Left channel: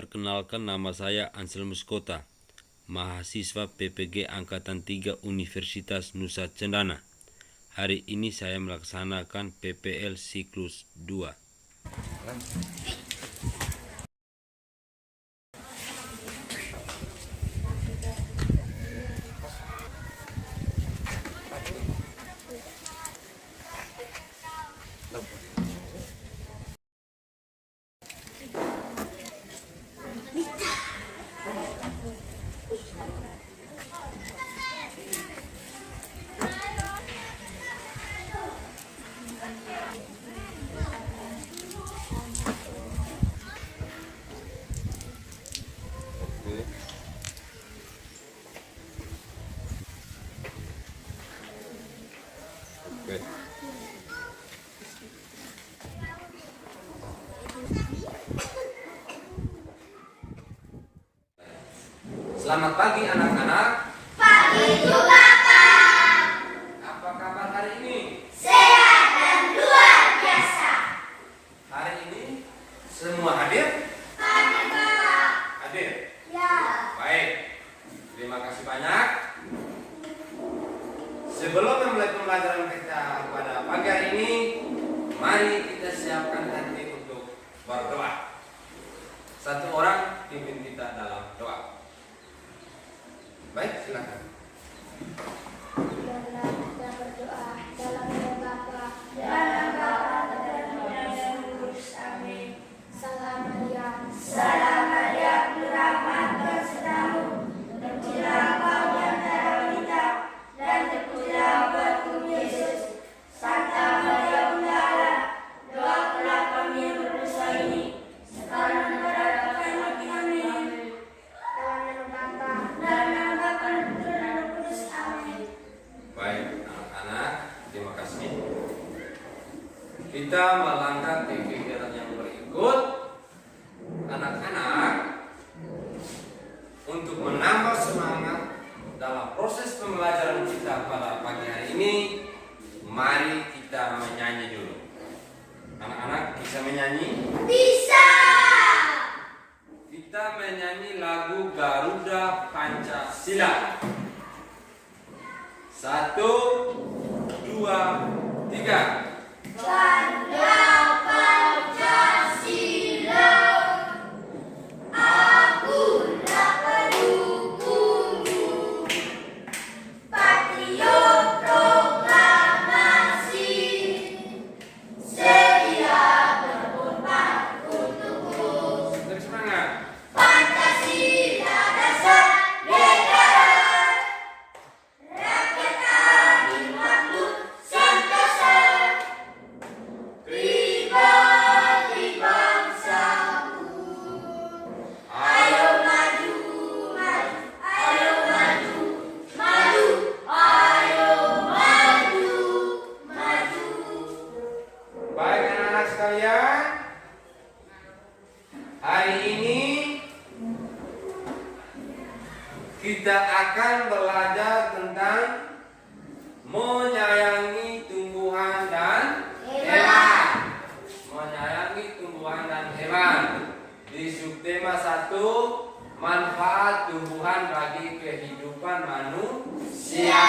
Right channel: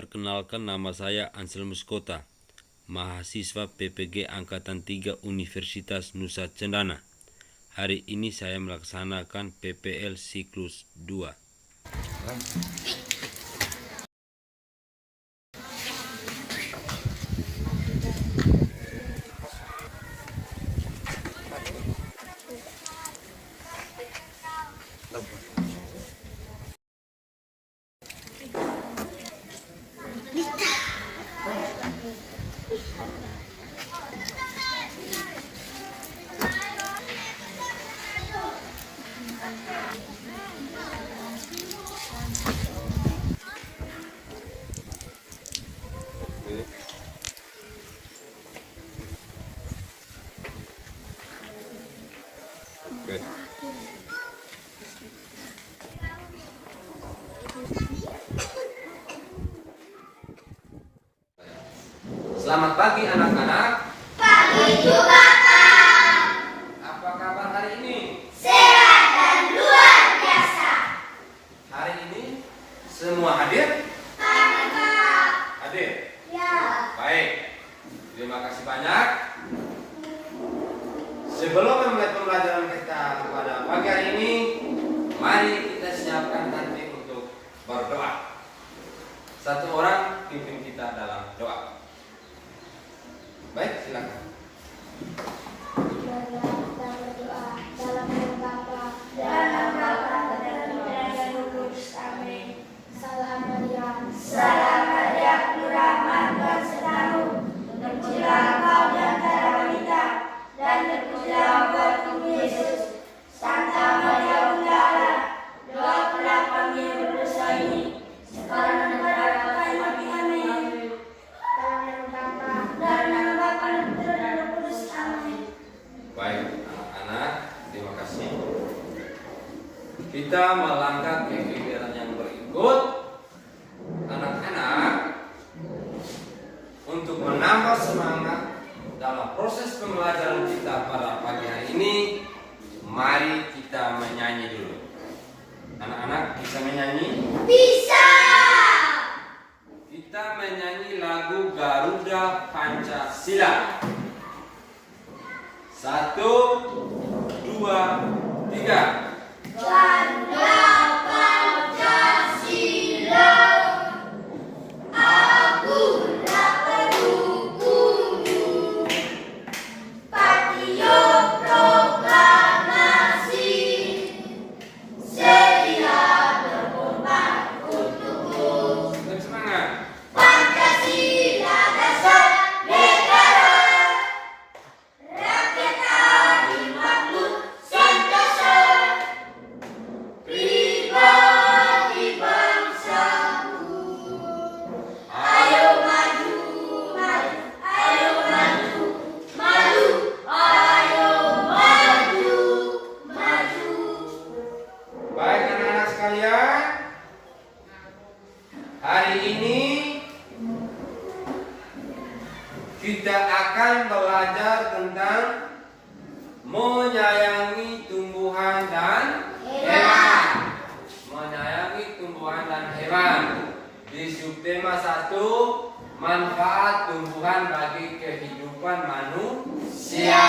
Perkenalkan, nama saya Anselmus Kota, mahasiswa PPG Angkatan 3 Universitas Nusa Cendana. Hari ini saya melaksanakan PPL siklus 2. Selamat pagi anak-anak. Pagi juga, Kak. Apa kabar hari ini? Sehat dan luar biasa. Hari ini semua hadir? Hadir, Kak. Hadir? Ya. Baik. Terima kasih banyak. Sebelum memulai pembelajaran kita pada pagi hari ini, mari kita siapkan nanti untuk berdoa. Satu orang pimpin kita dalam doa. Baik, silakan. Dalam Bapa dan Putra dan Roh Kudus. Amin. Salam Maria, penuh rahmat, Tuhan sertamu. Terpujilah engkau di antara wanita, dan terpujilah buah tubuh Yesus. Santa Maria Bunda Allah, doakanlah kami yang berdosa ini, sekarang dan pada waktu mati. Amin. Dalam nama Bapa dan Putra dan Roh Kudus. Amin. Baik, anak-anak, terima kasih. Kita melangkah ke kegiatan yang berikut. Anak-anak, untuk menambah semangat dalam proses pembelajaran kita pada pagi hari ini, mari kita menyanyi dulu. Anak-anak bisa menyanyi? Bisa. Kita menyanyi lagu Garuda Pancasila. 1, 2, 3. Garuda Pancasila, akulah pendukungmu, patriot proklamasi, sedia berkorban untukmu. Bersemangat. Pancasila dasar negara, rakyat adil makmur sentosa, pribadi bangsaku. Ayo maju, maju, ayo maju, maju, ayo maju, maju. Baik anak-anak sekalian, hari ini kita akan belajar tentang menyayangi tumbuhan dan hewan. Menyayangi tumbuhan dan hewan. Di subtema 1, manfaat tumbuhan bagi kehidupan manusia.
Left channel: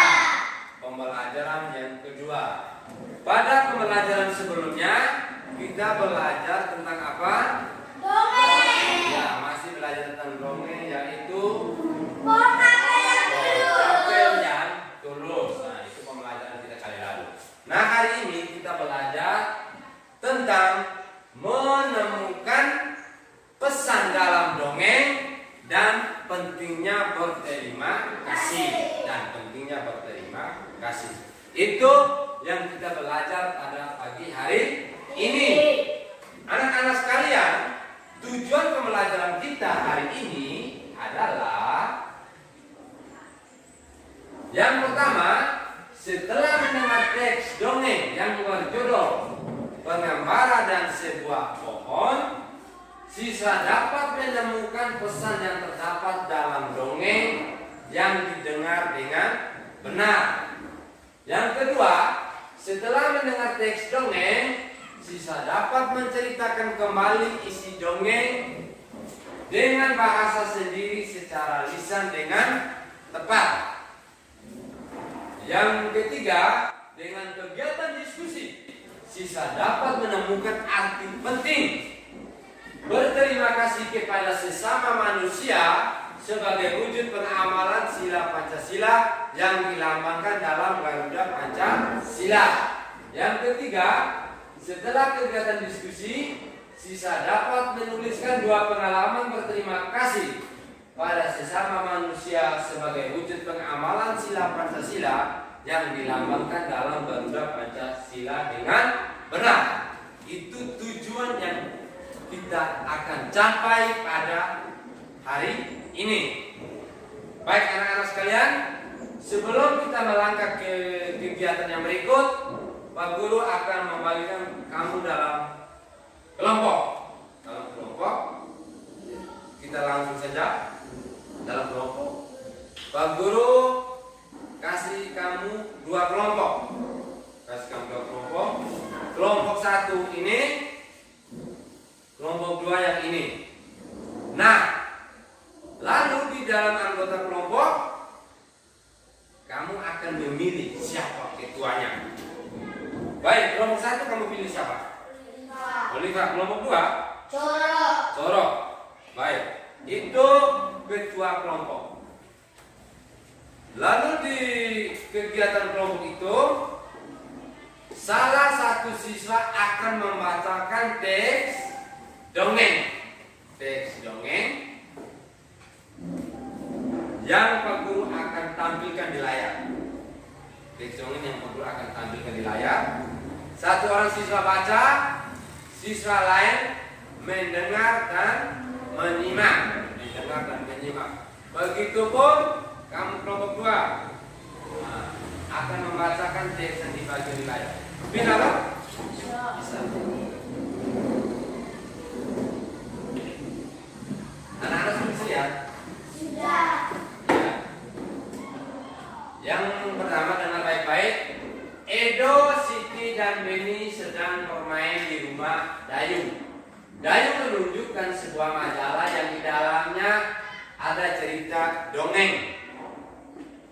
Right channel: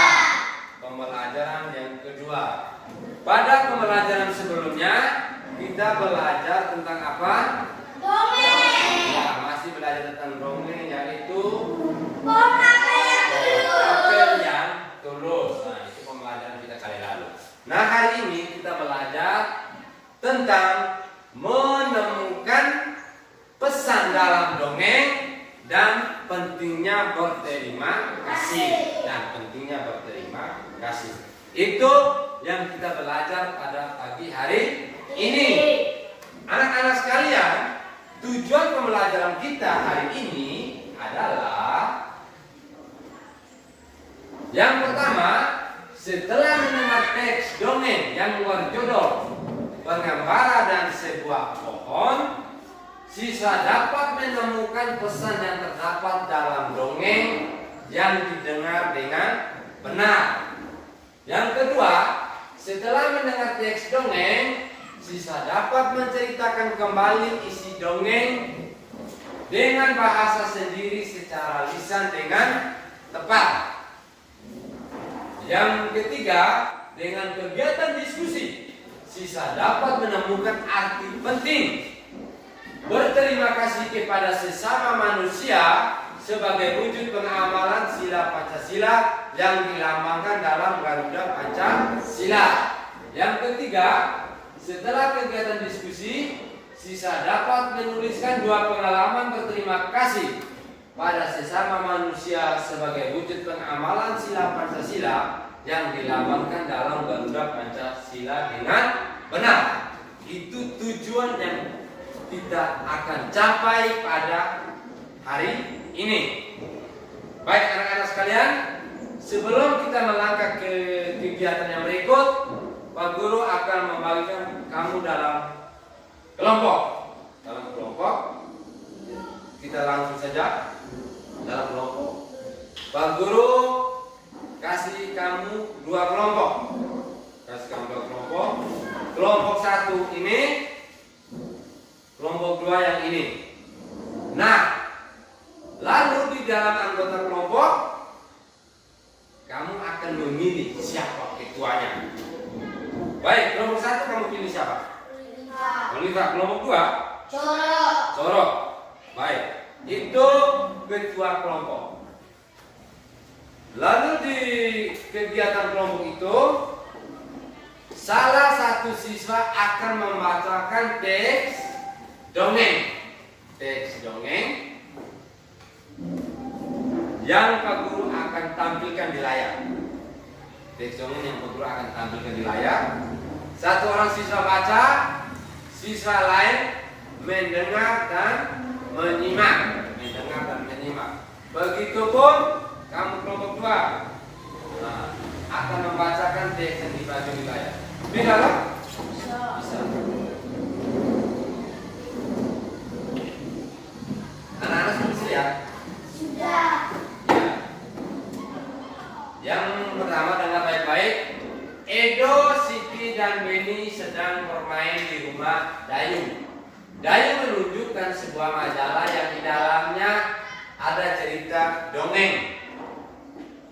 Pembelajaran yang kedua. Pada pembelajaran sebelumnya kita belajar tentang apa? Dongeng. Ya, masih belajar tentang dongeng, yaitu Apel yang tulus. Nah, itu pembelajaran kita kali lalu. Nah, hari ini kita belajar tentang menemukan pesan dalam dongeng dan pentingnya berterima kasih. Itu yang kita belajar pada pagi hari ini. Anak-anak sekalian, tujuan pembelajaran kita hari ini adalah yang pertama, setelah mendengar teks dongeng yang berjudul Pengembara dan Sebuah Pohon, siswa dapat menemukan pesan yang terdapat dalam dongeng yang didengar dengan benar. Yang kedua, setelah mendengar teks dongeng, siswa dapat menceritakan kembali isi dongeng dengan bahasa sendiri secara lisan dengan tepat. Yang ketiga, dengan kegiatan diskusi, siswa dapat menemukan arti penting berterima kasih kepada sesama manusia sebagai wujud pengamalan sila Pancasila yang dilambangkan dalam Garuda Pancasila. Yang ketiga, setelah kegiatan diskusi, siswa dapat menuliskan 2 pengalaman berterima kasih pada sesama manusia sebagai wujud pengamalan sila Pancasila yang dilambangkan dalam Garuda Pancasila dengan benar. Itu tujuan yang kita akan capai pada hari ini. Baik anak-anak sekalian, sebelum kita melangkah ke kegiatan yang berikut, Pak Guru akan membagikan kamu dalam kelompok. Kita langsung saja dalam kelompok. Pak Guru kasih kamu 2 kelompok. Kelompok 1 ini, kelompok 2 yang ini. Nah, lalu di dalam anggota kelompok kamu akan memilih siapa ketuanya. Baik, kelompok 1 kamu pilih siapa? Oliva. Kelompok 2? Coro. Baik, itu ketua kelompok. Lalu di kegiatan kelompok itu, salah satu siswa akan membacakan teks dongeng yang Pak Guru akan tampilkan di layar. Teks dongeng yang Pak Guru akan tampilkan di layar. Satu orang siswa baca, siswa lain mendengar dan menyimak. Begitupun kamu kelompok 2 akan membacakan teks yang dibaca di layar. Bisa tak? Bisa. Anak-anak sudah bisa lihat? Sudah. Ya. Yang pertama dengar baik-baik. Edo, Siti, dan Beni sedang bermain di rumah Dayung. Dayung menunjukkan sebuah majalah yang di dalamnya ada cerita dongeng.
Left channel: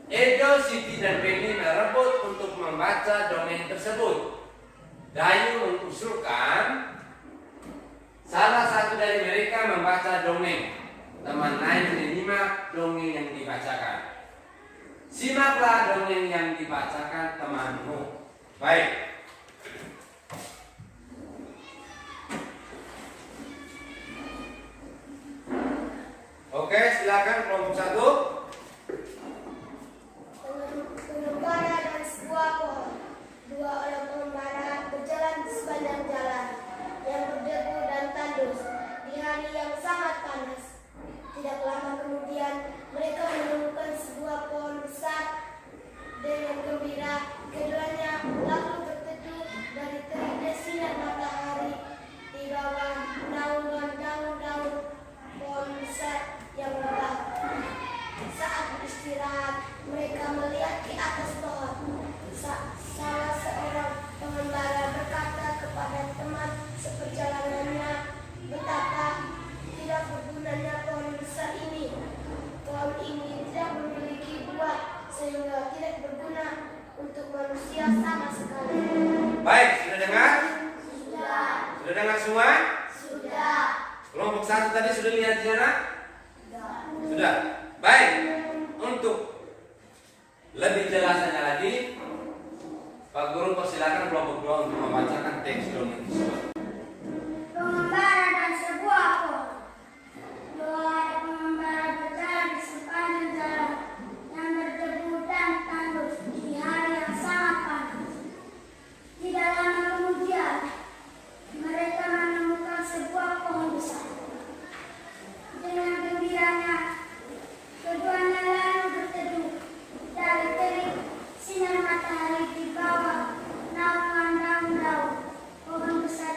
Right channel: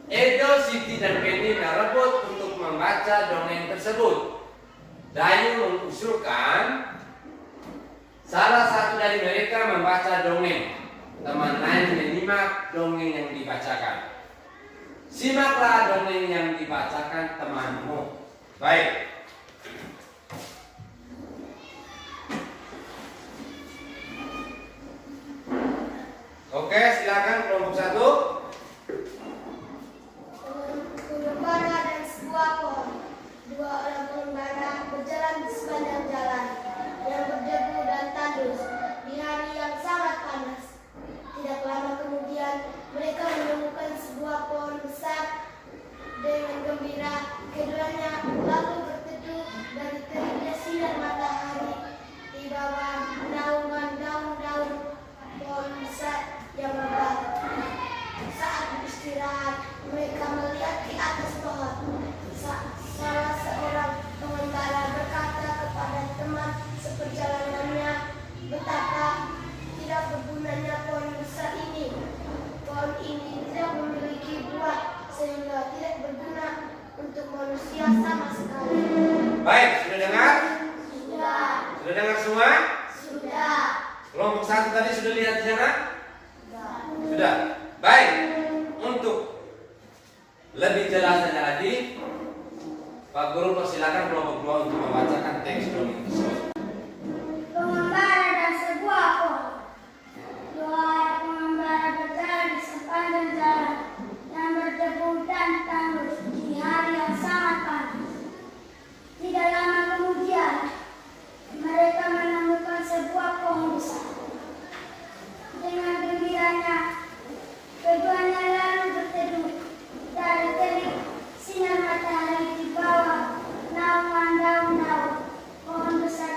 Edo, Siti, dan Beni merebut untuk membaca dongeng tersebut. Dayung mengusulkan salah satu dari mereka membaca dongeng. Teman lain menyimak dongeng yang dibacakan. Simaklah dongeng yang dibacakan temanmu. Baik. Oke, silakan kelompok 1. Pengembara dan sebuah pohon. 2 orang pengembara berjalan di sepanjang jalan yang berdebu dan tandus di hari yang sangat panas. Tidak lama kemudian mereka menemukan sebuah pohon besar. Dengan gembira, keduanya lalu berteduh dari teriknya sinar matahari di bawah naungan daun-daun pohon besar yang lebat. Saat beristirahat, mereka melihat di atas pohon. Salah seorang pengembara berkata kepada teman seperjalanannya betapa tidak bergunanya pohon besar ini. Pohon ini tidak memiliki buah sehingga tidak berguna untuk manusia sama sekali. Baik, sudah dengar? Sudah. Sudah dengar semua? Sudah. Kelompok 1 tadi sudah lihat di sana? Sudah. Baik. Untuk lebih jelasnya lagi, Pak Guru persilakan kelompok 2 untuk membacakan teks dongeng tersebut. Pengembara dan sebuah pohon. 2 orang pengembara berjalan di sepanjang jalan yang berdebu dan tandus di hari yang sangat panas. Tidak lama kemudian, mereka menemukan sebuah pohon besar. Dengan gembiranya, keduanya lalu berteduh dari terik sinar matahari di bawah naungan daun-daun pohon besar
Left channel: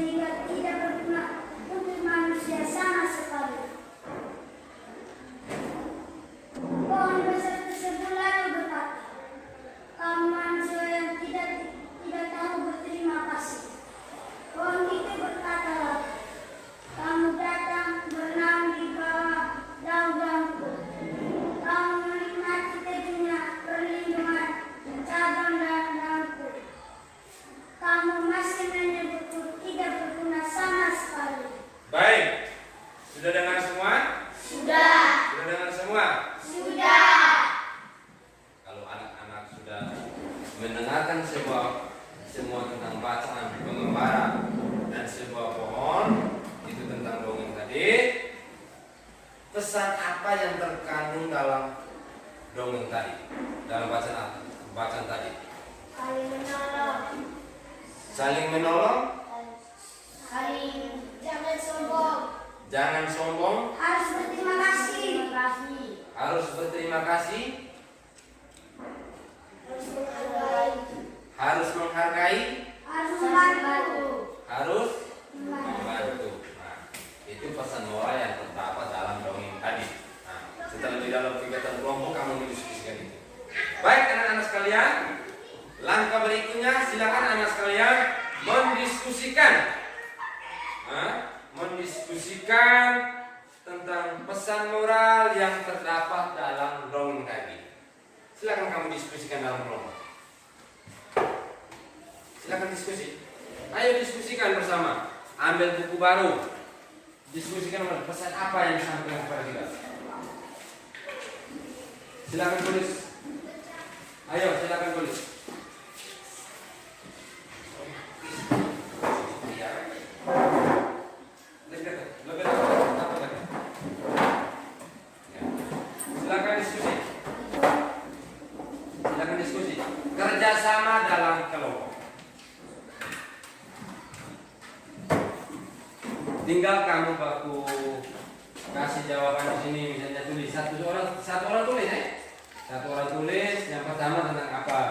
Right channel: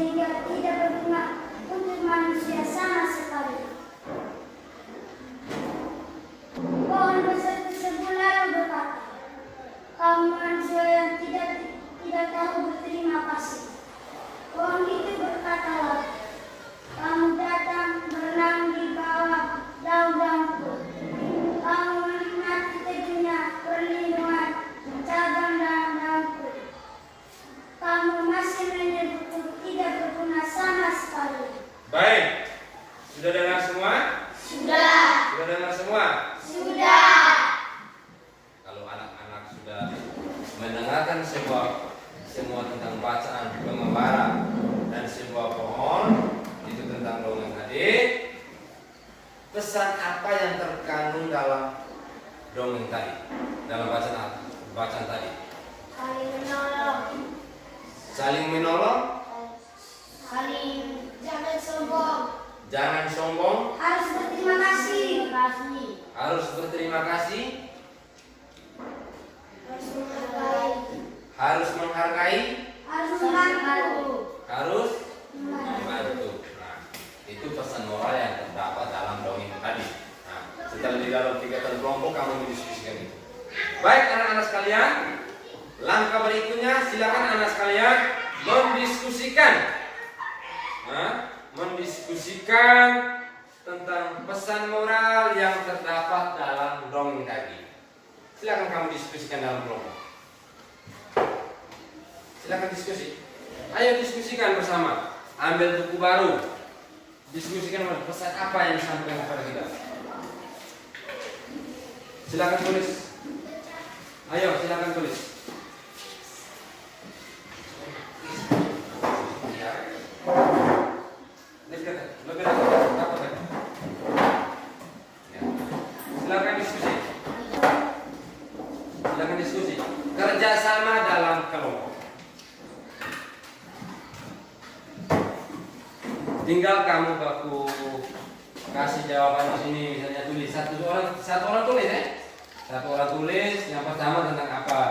sehingga tidak berguna untuk manusia sama sekali. Pohon besar tersebut lalu berkata, "Kamu manusia yang tidak tahu berterima kasih." Pohon itu berkata lagi, "Kamu datang berenang di bawah daun-daunku. Kamu menikmati teduhnya perlindungan cabang daun-daunku. Kamu masih menyebutku tidak berguna sama sekali." Baik, sudah dengar semua? Sudah. Sudah dengar semua? Sudah. Kalau anak-anak sudah mendengarkan semua tentang bacaan pengembara dan sebuah pohon, itu tentang dongeng tadi, pesan apa yang terkandung dalam dongeng tadi, dalam bacaan tadi? Saling menolong. Saling menolong, Jangan sombong. jangan sombong, Harus berterima kasih. harus berterima kasih, Harus menghargai. harus menghargai, Harus membantu. harus membantu. Nah, itu pesan moral yang terdapat dalam dongeng tadi. Nah, setelah di dalam kegiatan kelompok kamu mendiskusikan itu. Baik anak-anak sekalian, langkah berikutnya silakan anak sekalian mendiskusikan, mendiskusikan tentang pesan moral yang terdapat dalam dongeng tadi. Silakan kamu diskusikan dalam kelompok. Silakan diskusi. Ayo diskusikan bersama. Ambil buku baru. Diskusikan pesan apa yang disampaikan kepada kita. Silakan tulis. Ayo, silakan tulis. Silakan diskusi. Silakan diskusi. Kerjasama dalam kelompok. Tinggal kamu baku kasih jawaban di sini, misalnya tulis satu orang tulis ya. Satu orang tulis yang pertama tentang apa?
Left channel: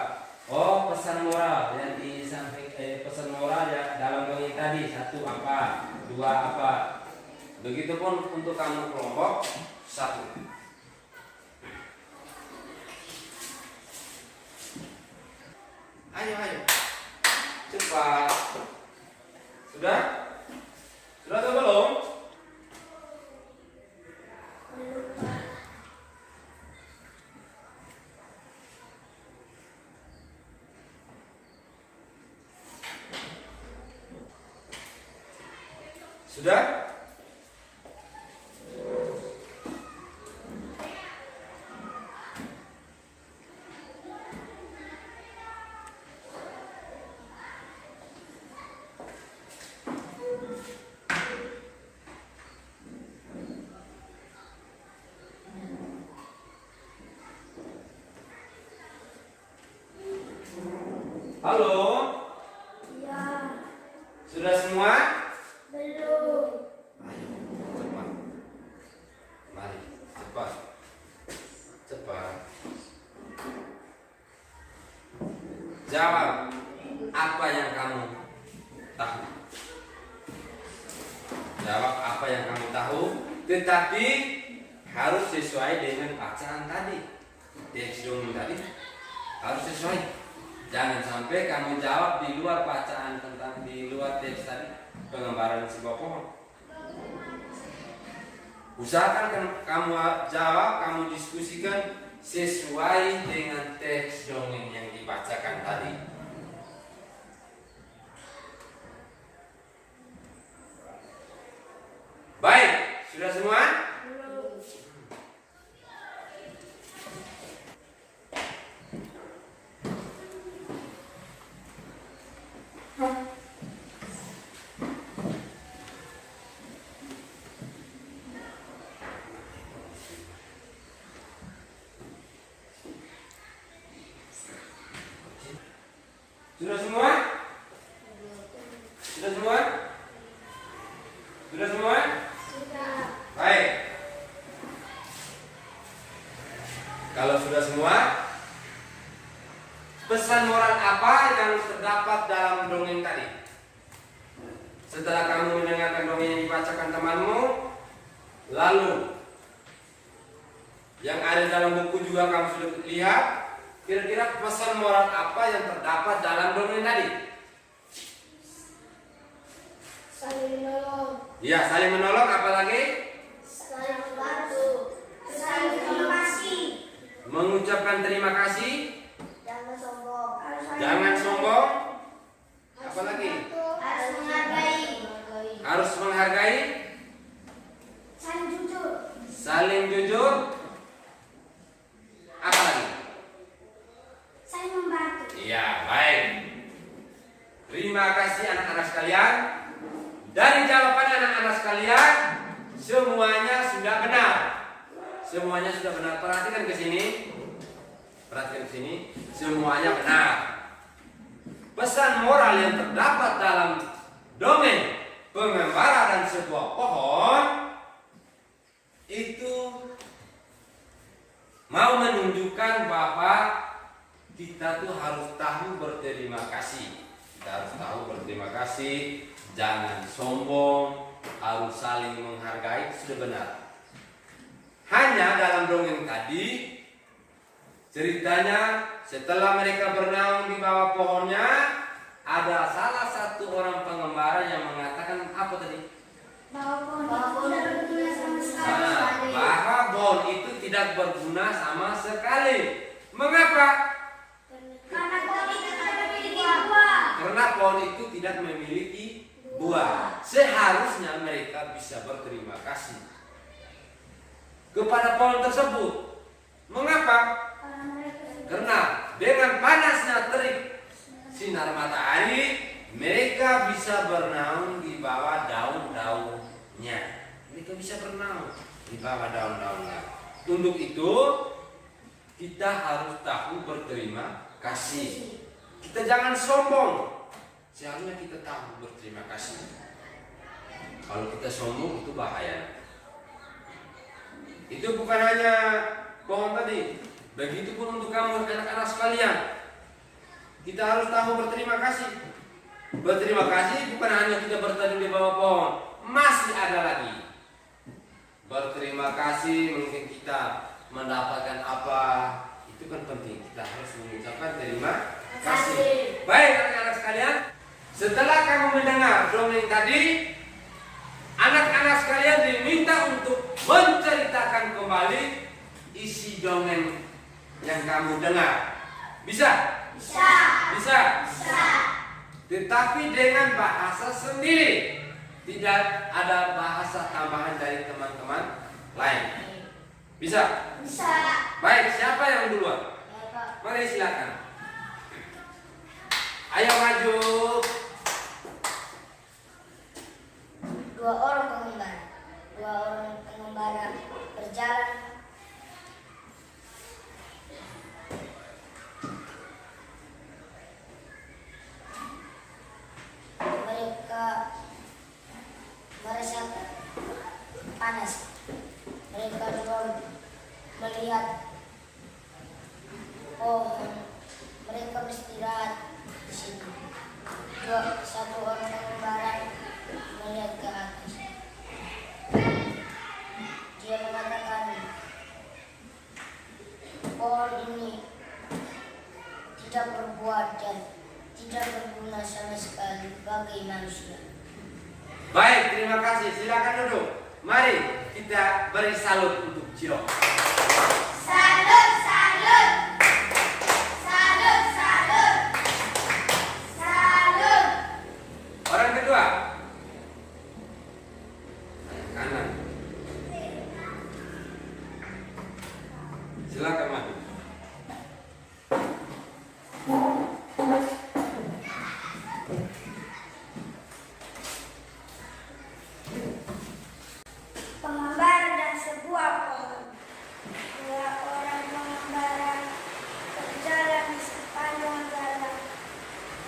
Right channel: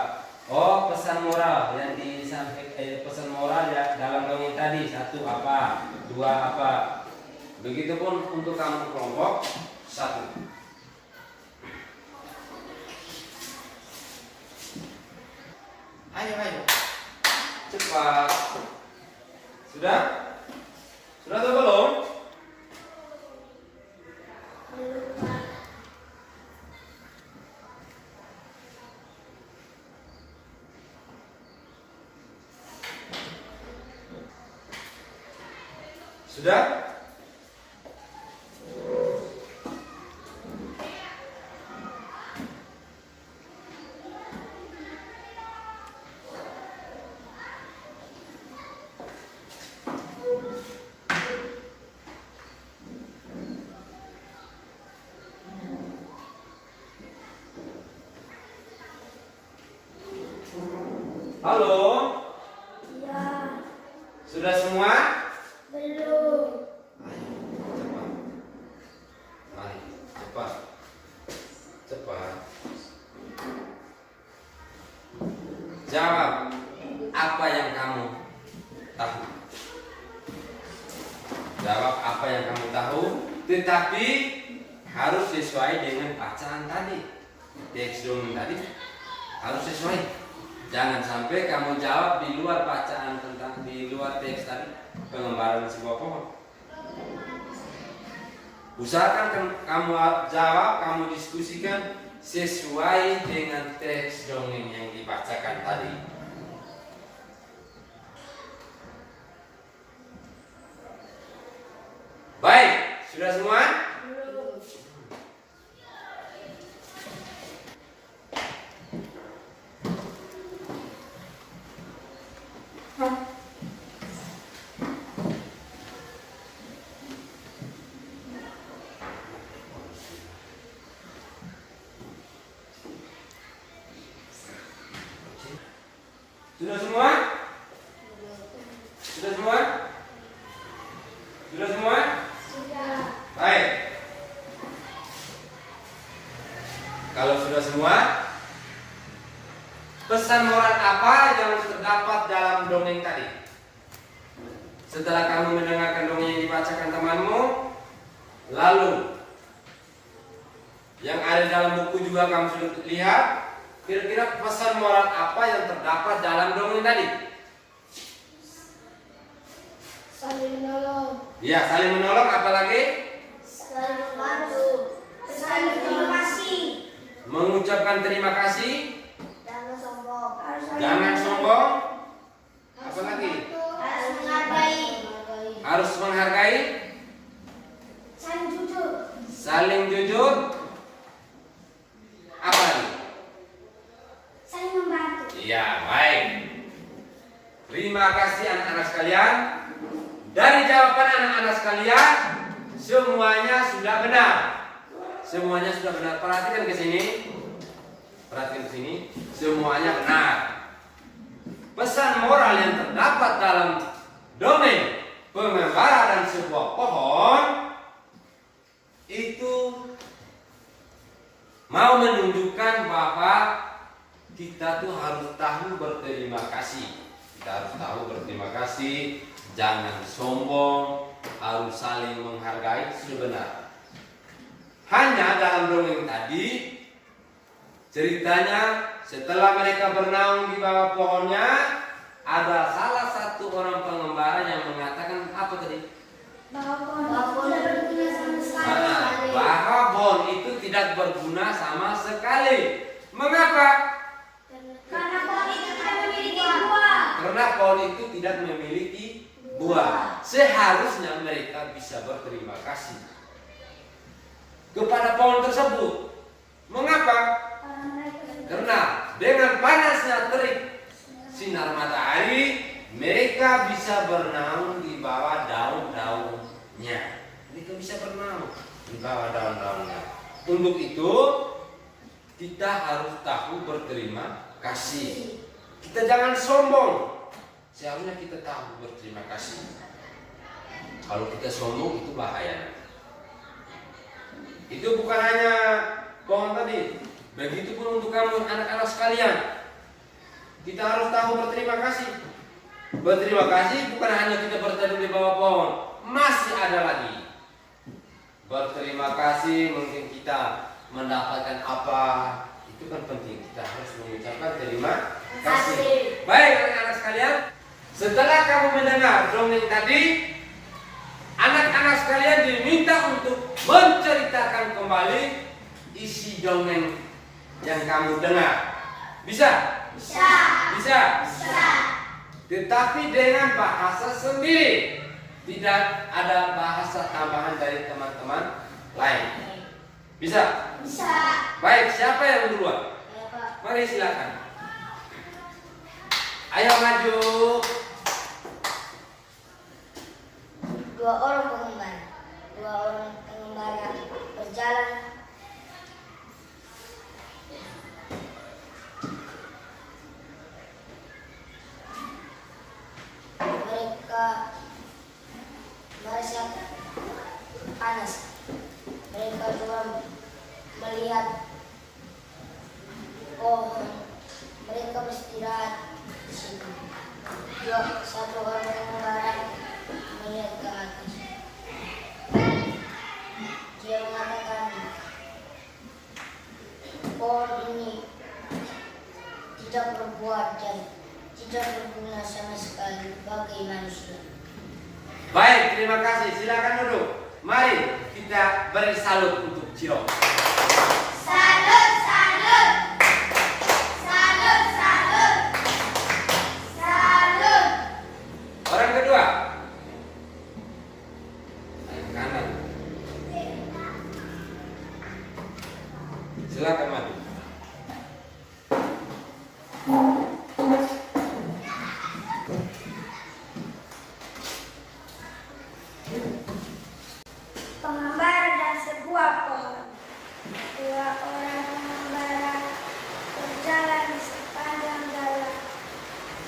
Oh, pesan moral yang disampaikan, pesan moral ya dalam dongeng tadi, satu apa, dua apa. Begitupun untuk kamu kelompok satu. Ayo, cepat. Sudah? Sudah atau belum? Sudah? Halo? Ya. Sudah semua? Belum. Ayo, cepat. Mari, cepat. Cepat. Jawab apa yang kamu tahu. Jawab apa yang kamu tahu, tetapi harus sesuai dengan bacaan tadi. Teks dongeng tadi harus sesuai. Jangan sampai kamu jawab di luar bacaan tentang di luar teks tadi, pengembaraan sebuah pohon. Usahakan kamu jawab, kamu diskusikan sesuai dengan teks dongeng yang dibacakan tadi. Baik, sudah semua? Sudah semua? Sudah semua? Sudah semua? Sudah. Baik. Kalau sudah semua, pesan moral apa yang terdapat dalam dongeng tadi? Setelah kamu mendengarkan dongeng yang dibacakan temanmu, lalu yang ada dalam buku juga kamu sudah lihat, kira-kira pesan moral apa yang terdapat dalam dongeng tadi? Saling menolong, Ya, saling menolong, apalagi saling membantu, saling terima kasih, mengucapkan terima kasih, jangan sombong, jangan sombong, apalagi harus menghargai, harus menghargai, saling jujur, saling jujur, apalagi? saling membantu. Ya, baik. Terima kasih anak-anak sekalian. Dari jawaban anak-anak sekalian, semuanya sudah benar. Semuanya sudah benar. Perhatikan ke sini. Perhatikan ke sini. Semuanya benar. Pesan moral yang terdapat dalam dongeng pengembara dan sebuah pohon itu mau menunjukkan bahwa kita tuh harus tahu berterima kasih. Kita harus tahu berterima kasih, jangan sombong, harus saling menghargai sebenarnya. Hanya dalam dongeng tadi ceritanya setelah mereka bernaung di bawah pohonnya, ada salah satu orang pengembara yang mengatakan apa tadi? Bahwa tidak berguna sama sekali. Bahwa pohon itu tidak berguna sama sekali. Mengapa? Karena pohon itu tidak memiliki buah. Karena pohon itu tidak memiliki buah. Seharusnya mereka bisa berterima kasih kepada pohon tersebut. Mengapa? Karena dengan panasnya terik sinar matahari, mereka bisa bernaung di bawah daun-daunnya. Mereka bisa bernaung di bawah daun-daunnya. Untuk itu, kita harus tahu berterima kasih. Kita jangan sombong. Seharusnya kita tahu berterima kasih. Kalau kita sombong itu bahaya. Itu bukan hanya pohon tadi. Begitupun untuk kamu anak-anak sekalian. Kita harus tahu berterima kasih. Berterima kasih bukan hanya kita berteduh di bawah pohon. Masih ada lagi. Berterima kasih mungkin kita mendapatkan apa. Itu kan penting. Kita harus mengucapkan terima kasih. Baik anak-anak sekalian. Setelah kamu mendengar dongeng tadi, anak-anak sekalian diminta untuk menceritakan kembali isi dongeng yang kamu dengar. Bisa? Bisa. Bisa? Bisa. Tetapi dengan bahasa sendiri. Tidak ada bahasa tambahan dari teman-teman lain. Bisa? Bisa. Baik, siapa yang duluan? Mari silakan. Ayo maju. Dua orang pengembara berjalan mereka merasa panas. Mereka juga melihat pohon. Mereka beristirahat di situ. Satu orang pengembara melihat ke atas. Dia mengatakan, pohon ini tidak berbuah dan tidak berguna sama sekali bagi manusia. Baik, terima kasih. Silakan duduk. Mari kita beri salut untuk Ciro. Salut, salut. Salut, salut. Salut. Orang kedua. Kanan. Silakan maju. Pengembara dan sebuah pohon. Dua orang pengembara berjalan di sepanjang jalan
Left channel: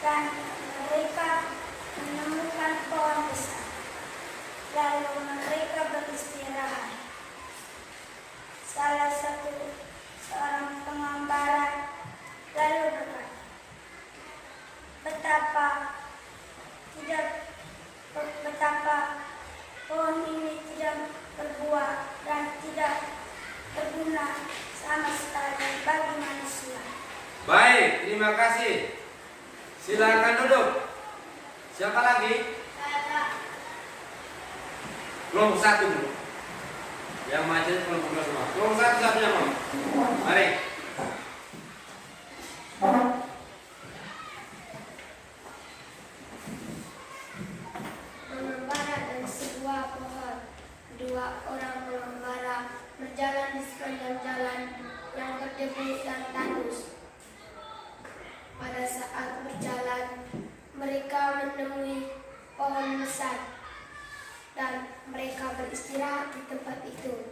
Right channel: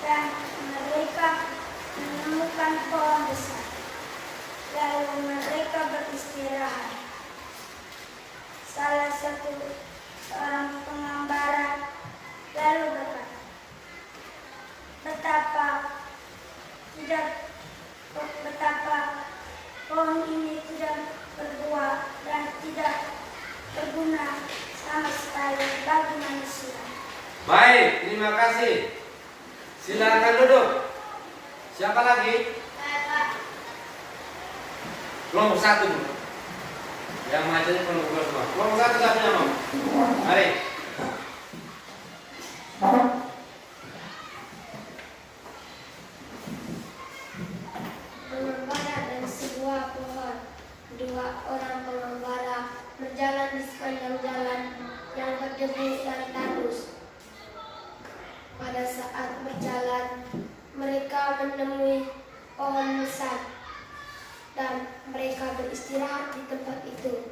dan mereka menemukan pohon besar. Lalu mereka beristirahat. Salah satu seorang terima kasih. Silakan duduk. Siapa lagi? Kelompok 1 dulu. Yang macetnya kelompok 2 semua. Kelompok 1 siapa yang mau? Mari. Pengembara dan sebuah pohon. Dua orang pengembara berjalan di sepanjang jalan yang berdebu dan tandus. Pada saat berjalan, mereka menemui pohon besar dan mereka beristirahat di tempat itu.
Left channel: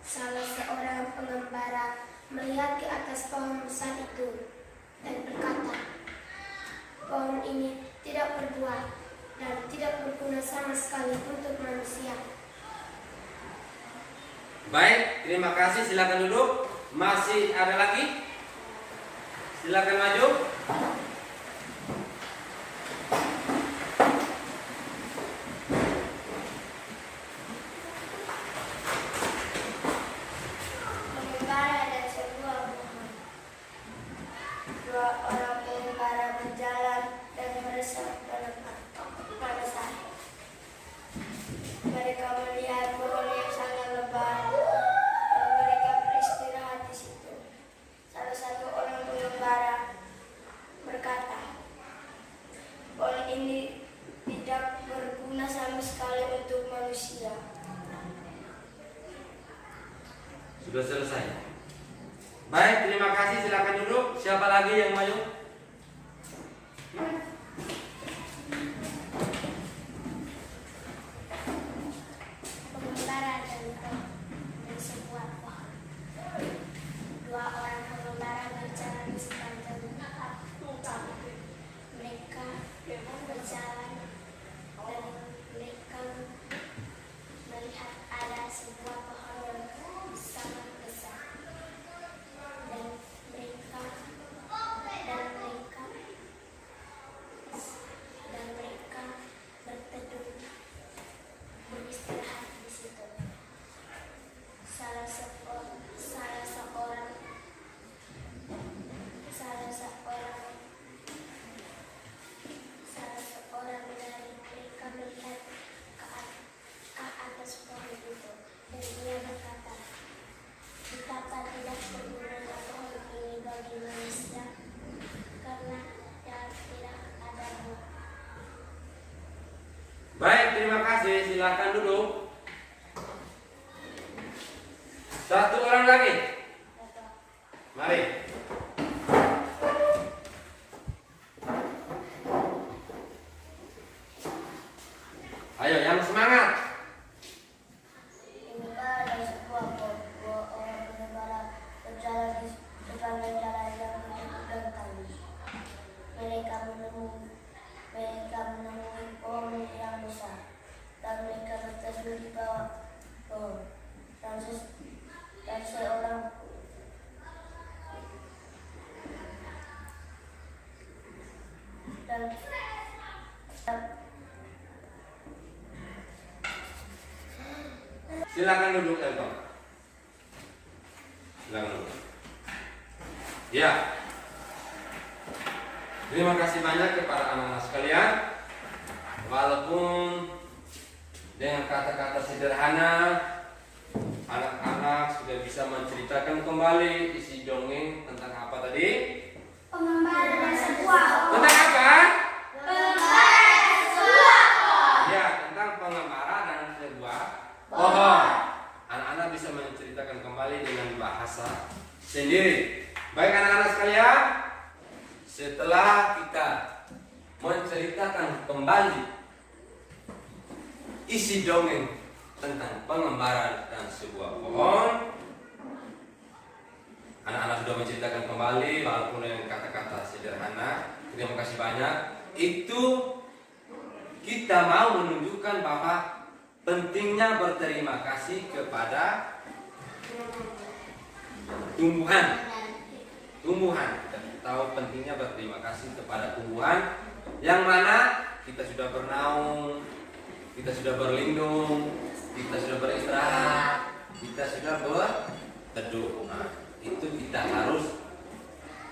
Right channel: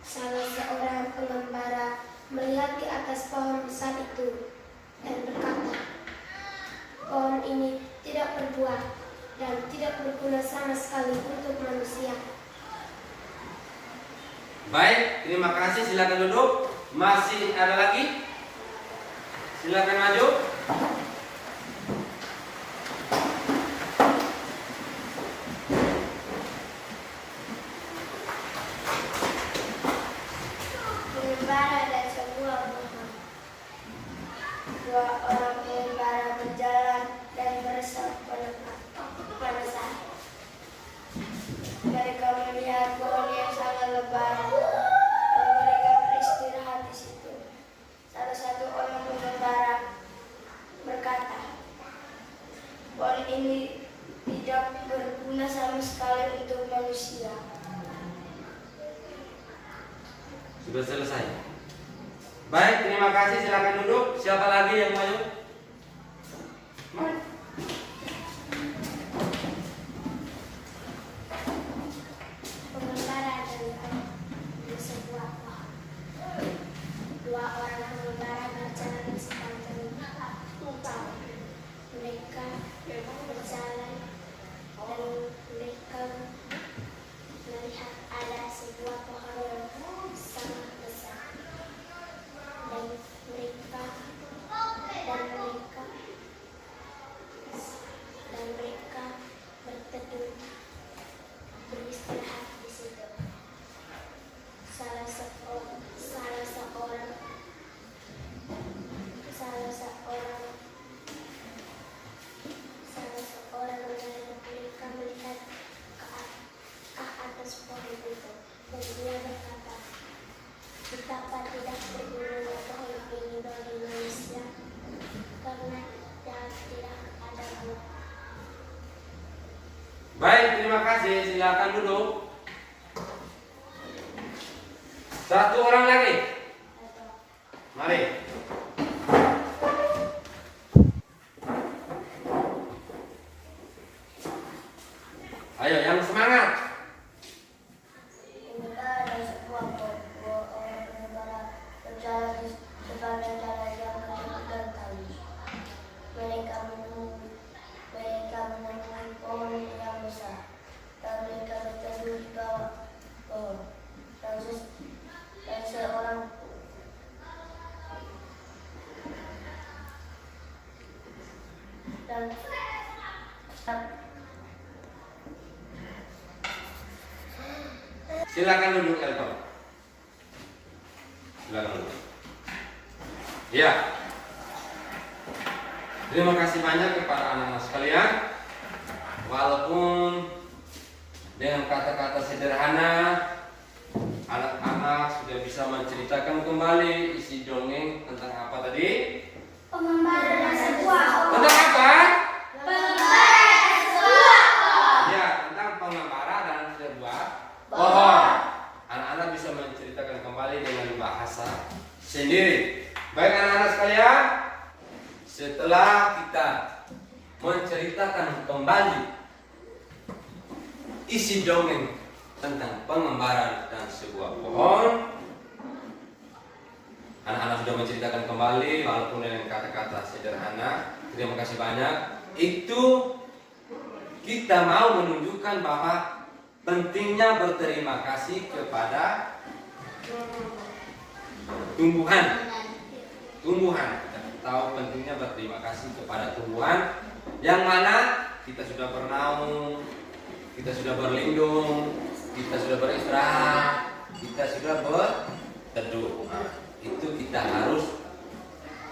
Salah seorang pengembara melihat di atas pohon besar itu dan berkata, "Pohon ini tidak berbuah dan tidak berguna sama sekali untuk manusia." Baik, terima kasih. Silakan duduk. Masih ada lagi? Silakan maju. Pengembara dan sebuah pohon. Dua orang pengembara berjalan dan beresap pada saat mereka melihat pohon yang sangat lebar dan mereka beristirahat di situ. Salah satu orang pengembara berkata, "Pohon ini tidak berguna sama sekali untuk manusia." Sudah selesai. Baik, terima kasih. Silakan duduk. Siapa lagi yang maju? Pengembara dan sebuah pohon. Dua orang pengembara berjalan di sepanjang jalan. Mereka berjalan dan mereka melihat ada sebuah pohon yang sangat besar. Dan mereka berteduh, beristirahat di situ. Salah seorang dari mereka melihat ke atas pohon itu dan dia berkata, "Betapa tidak bergunanya pohon ini bagi manusia karena tidak ada buah." Baik, terima kasih. Silakan duduk. Satu orang lagi. Mari. Ayo, yang semangat. Pengembara dan sebuah pohon. Dua orang pengembara berjalan di sepanjang jalan yang berdebu dan tandus. Mereka menemui pohon yang besar dan mereka berteduh di bawah pohon. Dan seorang Silakan duduk, Elton. Silakan duduk. Ya. Terima kasih banyak kepada anak-anak sekalian. Walaupun dengan kata-kata sederhana, anak-anak sudah bisa menceritakan kembali isi dongeng tentang apa tadi? pengembara dan sebuah pohon. Tentang apa? Pengembara dan sebuah pohon. Ya, tentang pengembara dan sebuah pohon. Anak-anak bisa menceritakan kembali dengan bahasa sendiri. Baik anak-anak sekalian, setelah kita menceritakan kembali isi dongeng tentang pengembara dan sebuah pohon, anak-anak sudah menceritakan kembali walaupun dengan kata-kata sederhana. Terima kasih banyak. Itu kita mau menunjukkan bahwa pentingnya berterima kasih kepada tumbuhan. Kita tahu pentingnya berterima kasih kepada tumbuhan yang mana kita sudah bernaung, kita sudah berlindung, kita sudah beristirahat, kita sudah berteduh. Nah, itu kita harus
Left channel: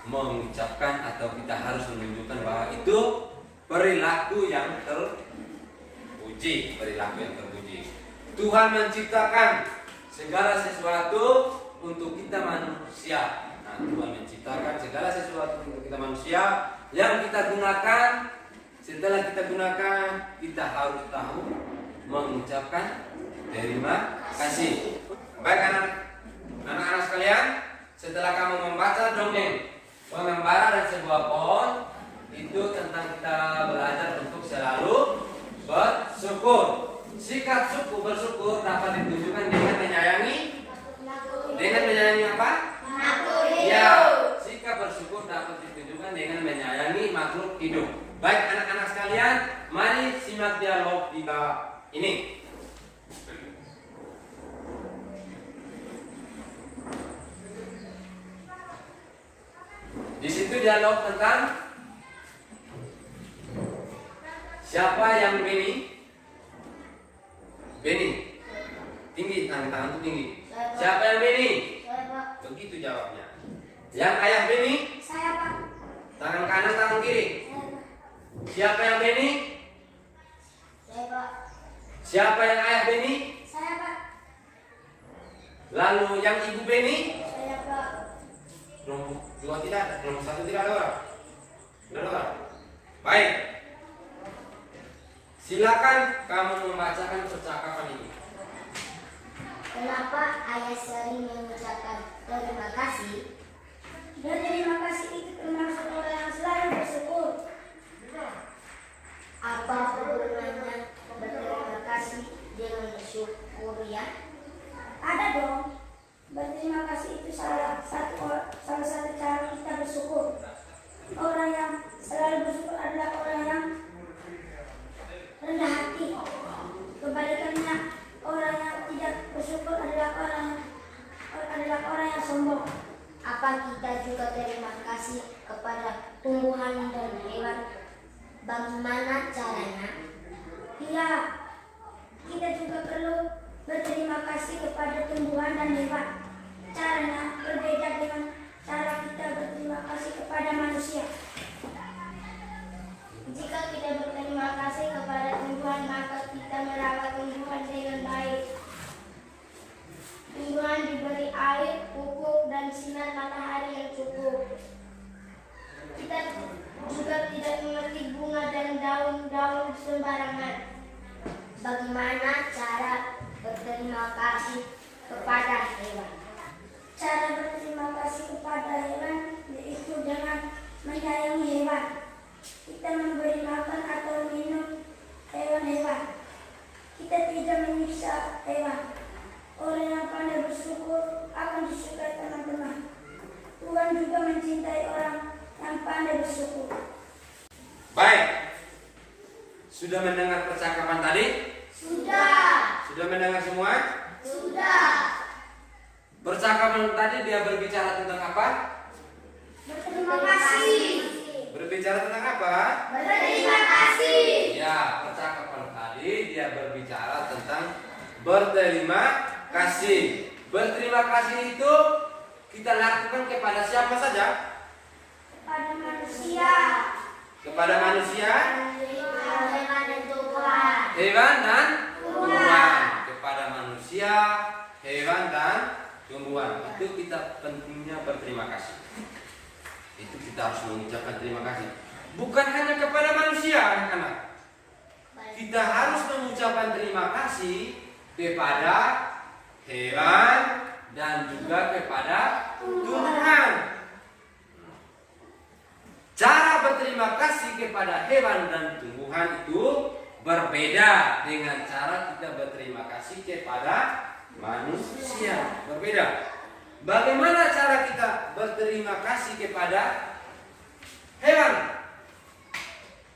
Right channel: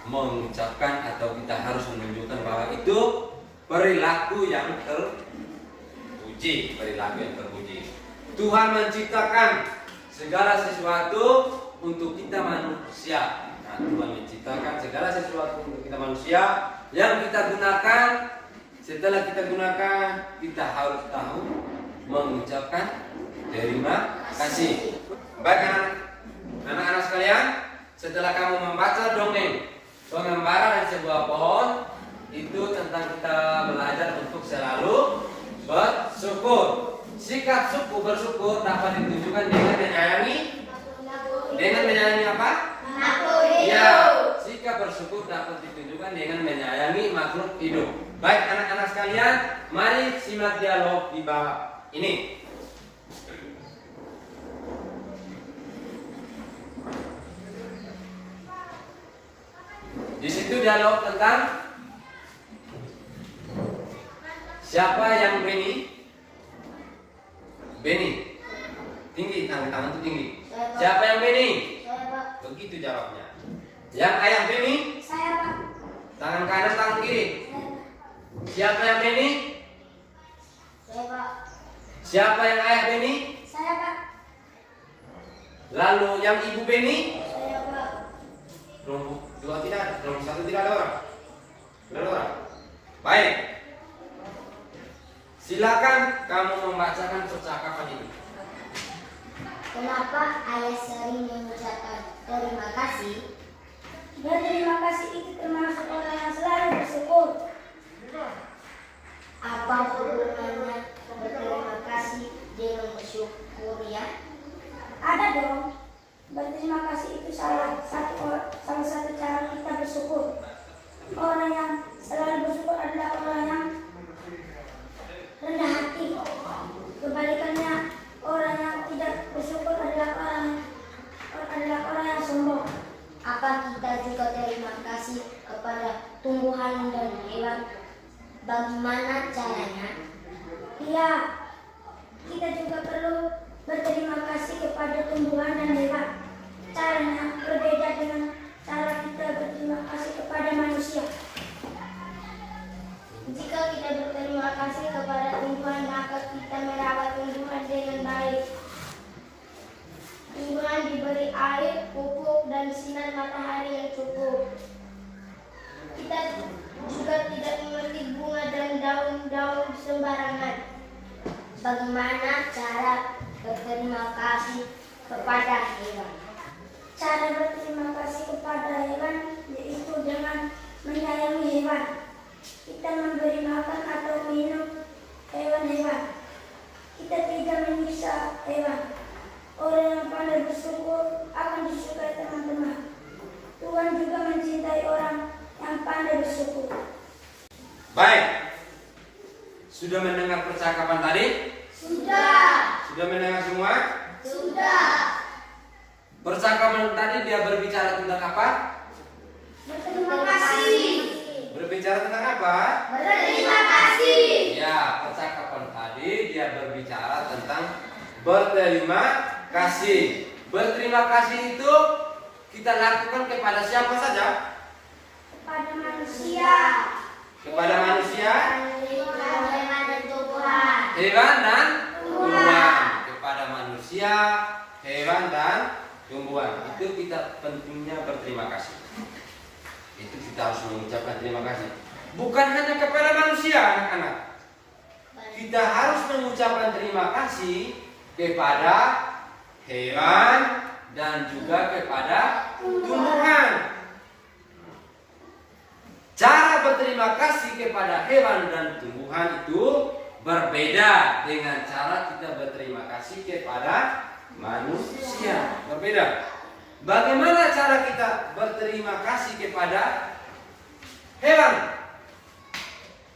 mengucapkan atau kita harus menunjukkan bahwa itu perilaku yang terpuji, perilaku yang terpuji. Tuhan menciptakan segala sesuatu untuk kita manusia. Nah, Tuhan menciptakan segala sesuatu untuk kita manusia yang kita gunakan. Setelah kita gunakan, kita harus tahu mengucapkan terima kasih. Baik anak-anak sekalian, setelah kamu membaca dongeng pengembara dan sebuah pohon, itu tentang kita belajar untuk selalu bersyukur. Sikap bersyukur dapat ditunjukkan dengan menyayangi. Dengan menyayangi apa? Makhluk hidup. Ya, sikap bersyukur dapat ditunjukkan dengan menyayangi makhluk hidup. Baik anak-anak sekalian, mari simak dialog di bawah ini. Di situ dialog tentang siapa yang Beni? Beni. Tinggi, tangan itu tinggi. Siapa yang Beni? Saya, Pak. Begitu jawabnya. Yang ayah Beni? Saya, Pak. Tangan kanan, tangan kiri. Siapa yang Beni? Saya, Pak. Siapa yang ayah Beni? Saya, Pak. Lalu yang ibu Beni? Saya, Pak. Kelompok dua tidak, kelompok satu tidak ada orang. Tidak ada orang. Baik. Silakan kamu membacakan percakapan ini. Kenapa ayah sering mengucapkan terima kasih? Berterima kasih itu termasuk orang yang selalu bersyukur. Apa hubungannya berterima kasih dengan bersyukur ya? Ada dong. Berterima kasih itu salah satu cara kita bersyukur. Orang yang selalu bersyukur adalah orang yang rendah hati. Kebalikannya, orang yang tidak bersyukur adalah orang yang sombong. Apa kita juga terima kasih kepada tumbuhan dan hewan? Bagaimana caranya? Iya, kita juga perlu berterima kasih kepada tumbuhan dan hewan. Caranya berbeda dengan cara kita berterima kasih kepada manusia. Jika kita berterima kasih kepada tumbuhan, maka kita merawat tumbuhan dengan baik. Tumbuhan diberi air, pupuk, dan sinar matahari yang cukup. Kita juga tidak memetik bunga dan daun-daun sembarangan. Bagaimana cara berterima kasih kepada hewan? Cara berterima kasih kepada hewan yaitu dengan menyayangi hewan. Kita memberi makan atau minum hewan-hewan. Kita tidak menyiksa hewan. Orang yang pandai bersyukur akan disukai teman-teman. Tuhan juga mencintai orang yang pandai bersyukur. Baik. Sudah mendengar percakapan tadi? Sudah. Sudah mendengar semua? Sudah. Percakapan tadi dia berbicara tentang apa? Berterima kasih. Berbicara tentang apa? Berterima kasih. Ya, percakapan tadi dia berbicara tentang berterima kasih. Berterima kasih itu kita lakukan kepada siapa saja? Kepada manusia. Kepada manusia, Hewan dan tumbuhan. hewan dan tumbuhan. Kepada manusia, hewan dan tumbuhan. Itu kita pentingnya berterima kasih. Itu kita harus mengucapkan terima kasih. Bukan hanya kepada manusia, anak-anak. Kita harus mengucapkan terima kasih kepada hewan dan juga kepada tumbuhan. Cara berterima kasih kepada hewan dan tumbuhan itu berbeda dengan cara kita berterima kasih kepada manusia. Berbeda. Bagaimana cara kita berterima kasih kepada hewan?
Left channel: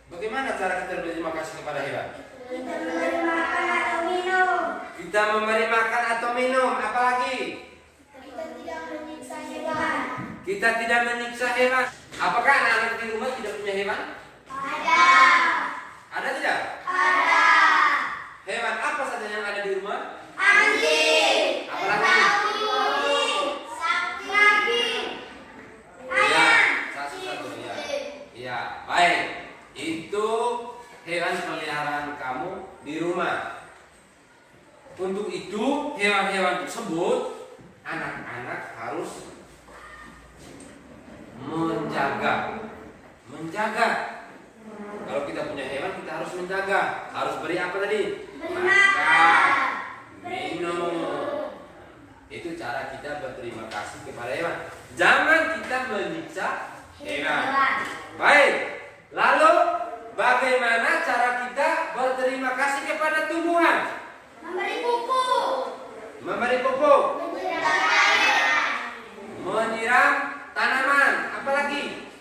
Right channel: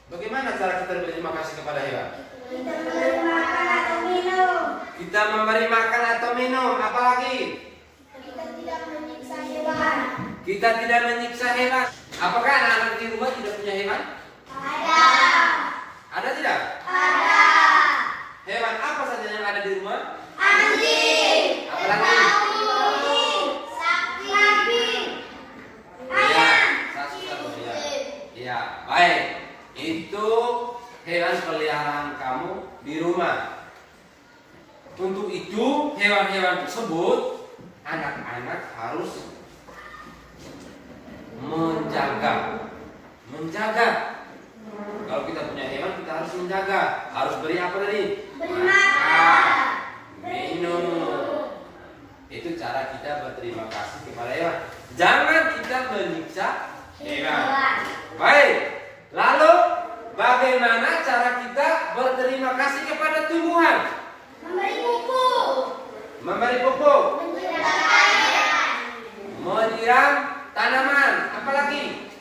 Bagaimana cara kita berterima kasih kepada hewan? Kita memberi makan atau minum. Kita memberi makan atau minum. Apalagi? Kita tidak menyiksa hewan. Kita tidak menyiksa hewan. Apakah anak-anak di rumah tidak punya hewan? Ada. Ada tidak? Ada. Hewan apa saja yang ada di rumah? Anjing. Apalagi? Sapi. Ya. di rumah. Untuk itu hewan-hewan tersebut anak-anak harus menjaga. Kalau kita punya hewan kita harus menjaga. Harus beri apa tadi? Makan, minum. Itu cara kita berterima kasih kepada hewan. Jangan kita menyiksa hewan. Baik. Lalu bagaimana cara kita berterima kasih kepada tumbuhan? Memberi pupuk. Menyiram tanaman. Apalagi?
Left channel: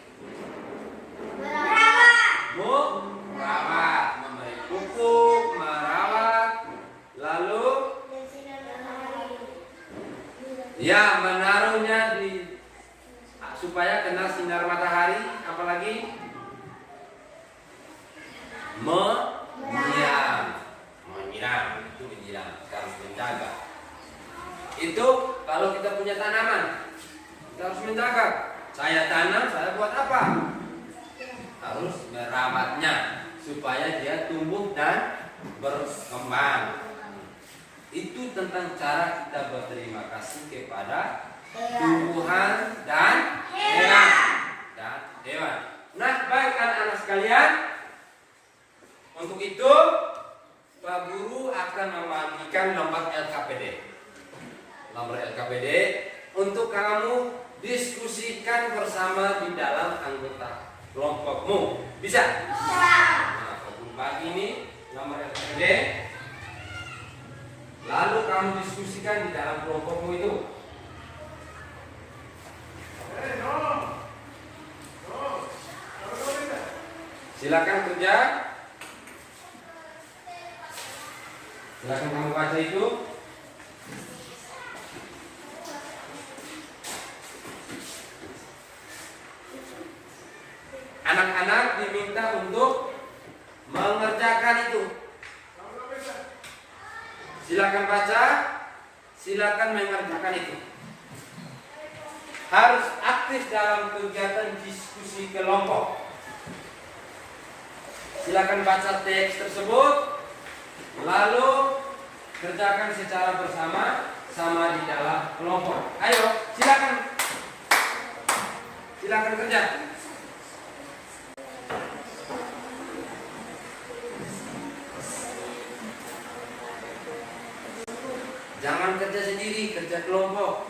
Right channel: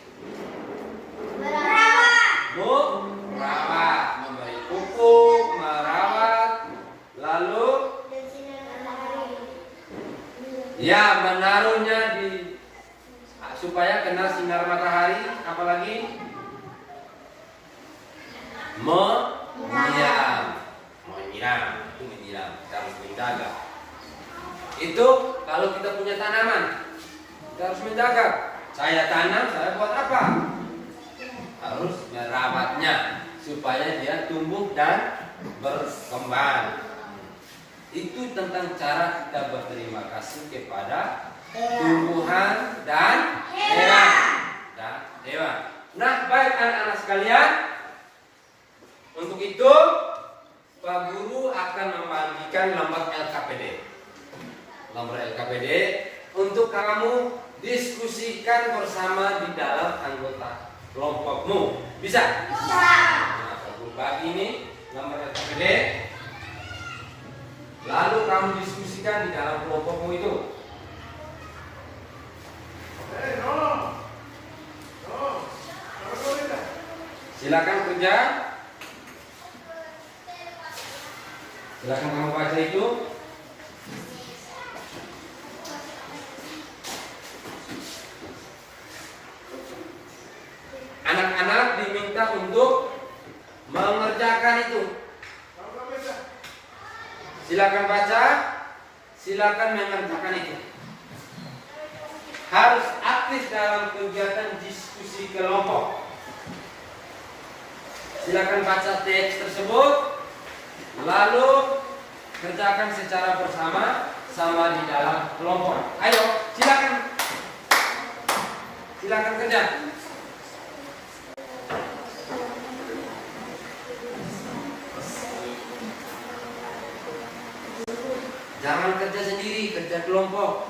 Merawat. Memberi pupuk, merawat. Lalu ya, menaruhnya di supaya kena sinar matahari. Apalagi? Menyiram. Itu menyiram. Kita harus menjaga. Itu kalau kita punya tanaman, kita harus menjaga. Saya tanam, saya buat apa? Harus merawatnya supaya dia tumbuh dan berkembang. Itu tentang cara kita berterima kasih kepada tumbuhan dan hewan. Nah, baik anak-anak sekalian, untuk itu Pak Guru akan membagikan lembar LKPD. Lembar LKPD untuk kamu diskusikan bersama di dalam anggota kelompokmu. Bisa? Nah, Pak Guru bagi ini lembar LKPD. Lalu kamu diskusikan di dalam kelompokmu itu. Silakan kerja. Silakan kamu baca itu. Anak-anak diminta untuk mengerjakan itu. Silakan baca, silakan mengerjakan itu. Harus aktif dalam kegiatan diskusi kelompok. Silakan baca teks tersebut, lalu kerjakan secara bersama sama di dalam kelompok. Ayo, silakan. Silakan kerja. Jangan kerja sendiri, kerja kelompok.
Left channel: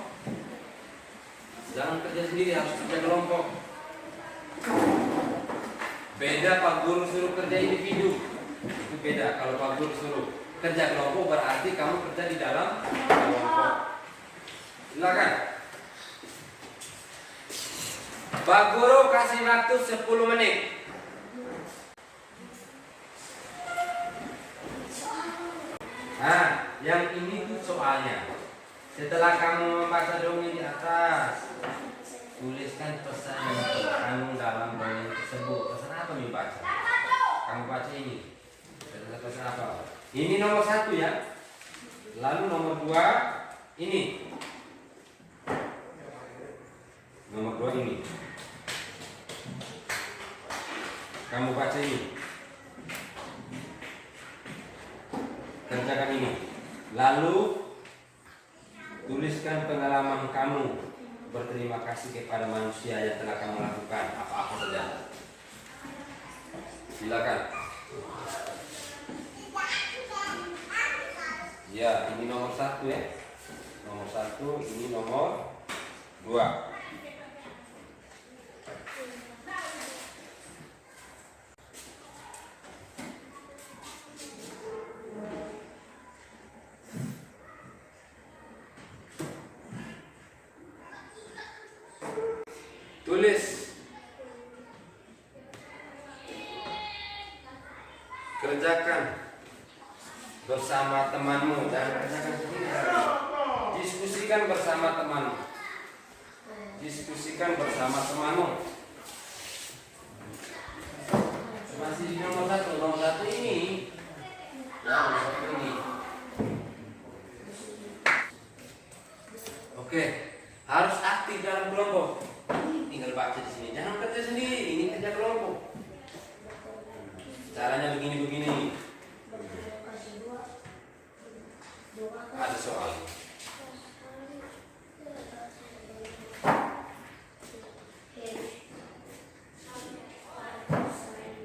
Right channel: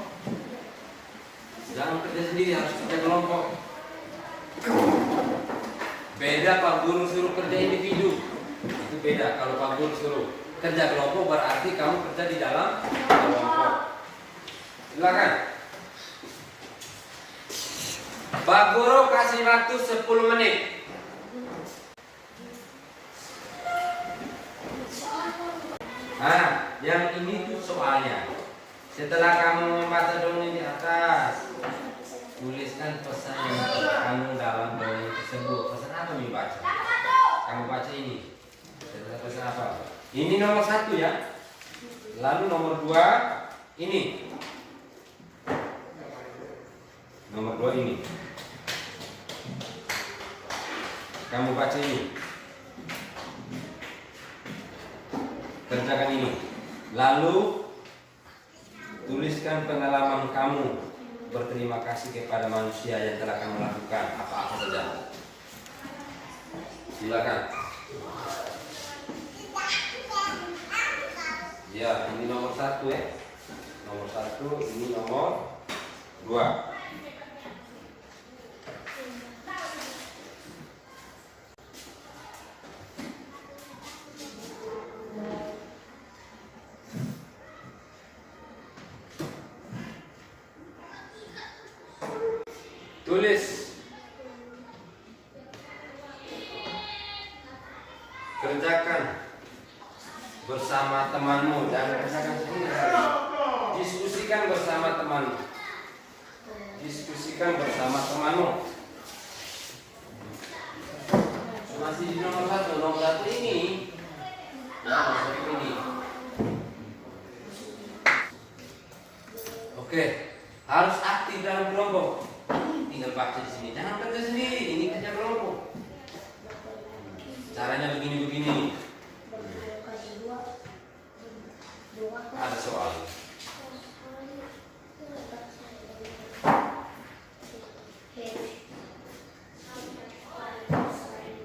Jangan kerja sendiri, harus kerja kelompok. Beda Pak Guru suruh kerja individu. Itu beda. Kalau Pak Guru suruh kerja kelompok berarti kamu kerja di dalam kelompok. Silakan. Pak Guru kasih waktu 10 menit. Nah, yang ini tuh soalnya. Setelah kamu membaca dongeng di atas, tuliskan pesan yang terkandung dalam dongeng tersebut. Pesan apa nih baca? Kamu baca ini. Pesan apa? Ini nomor 1 ya. Lalu nomor 2 ini. Nomor 2 ini. Kamu baca ini. Kerjakan ini. Lalu tuliskan pengalaman kamu berterima kasih kepada manusia yang telah kamu lakukan apa-apa saja. Silakan. Ya, ini nomor 1 ya. Nomor 1, ini nomor 2. Tulis. Kerjakan bersama temanmu, jangan kerjakan sendiri. Diskusikan bersama temanmu. Diskusikan bersama temanmu. Masih di nomor 1. Nomor 1 ini. Ya, nomor 1 ini. Oke, harus aktif dalam kelompok. Tinggal baca di sini. Jangan kerja sendiri. Ini kerja kelompok. Caranya begini-begini. Ada soal.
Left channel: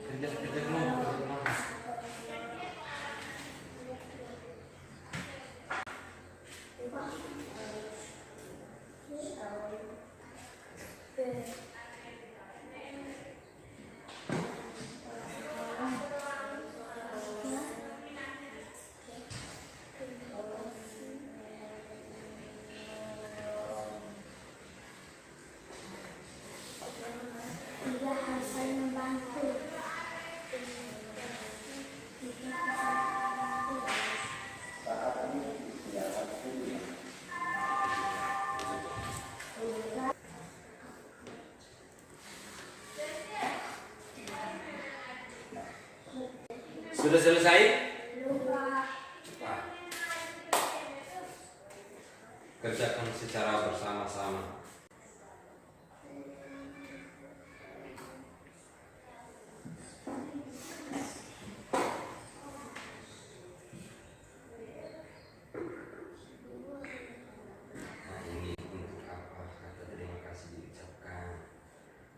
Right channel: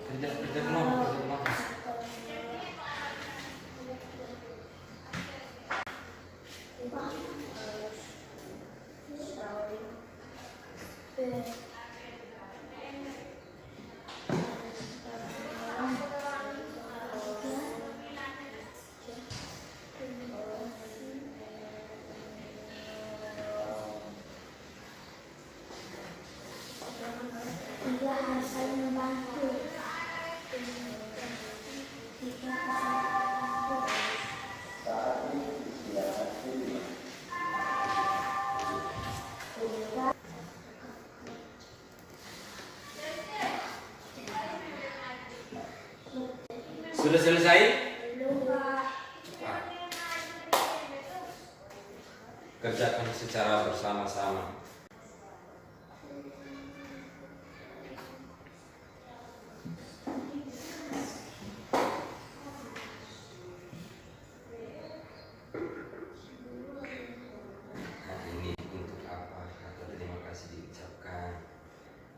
Kerja rumah. Tiga harus saling membantu. Tiga harus saling membantu. Sudah selesai? Kerjakan secara bersama-sama. Nah, ini untuk apa kata terima kasih diucapkan,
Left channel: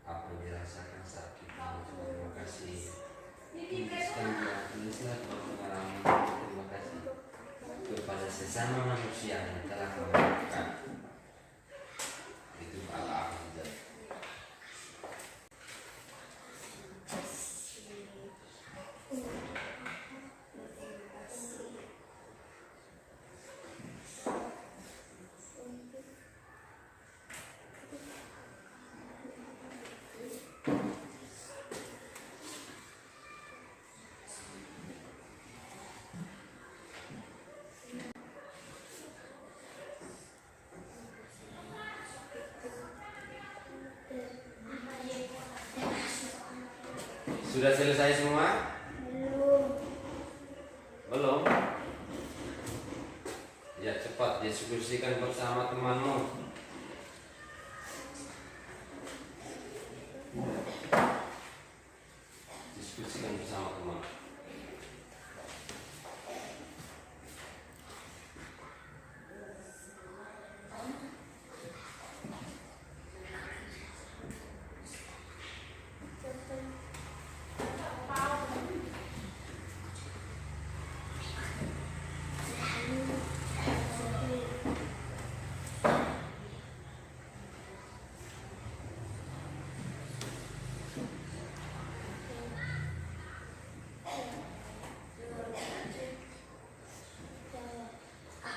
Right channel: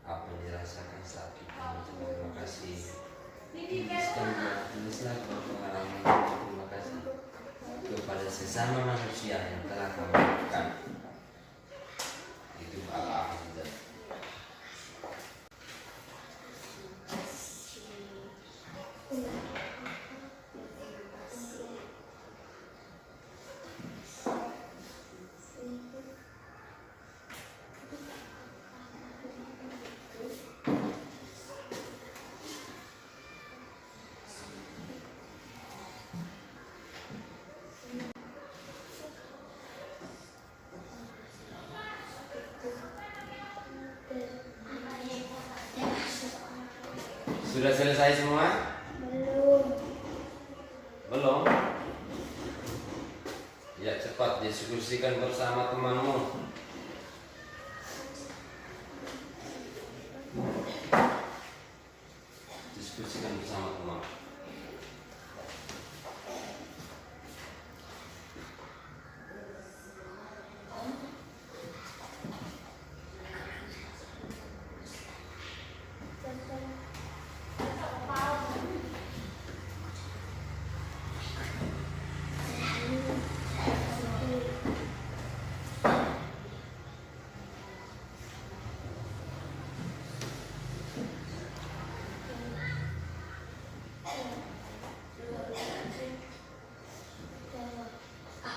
apa yang dirasakan saat kita mengucapkan terima kasih. Tulislah pengalaman terima kasih kepada sesama manusia yang telah kamu lakukan. Itu ala apa saja. Sudah selesai semua? Belum. Belum? Ya cepat diskusikan bersama temanmu. Diskusikan bersama teman.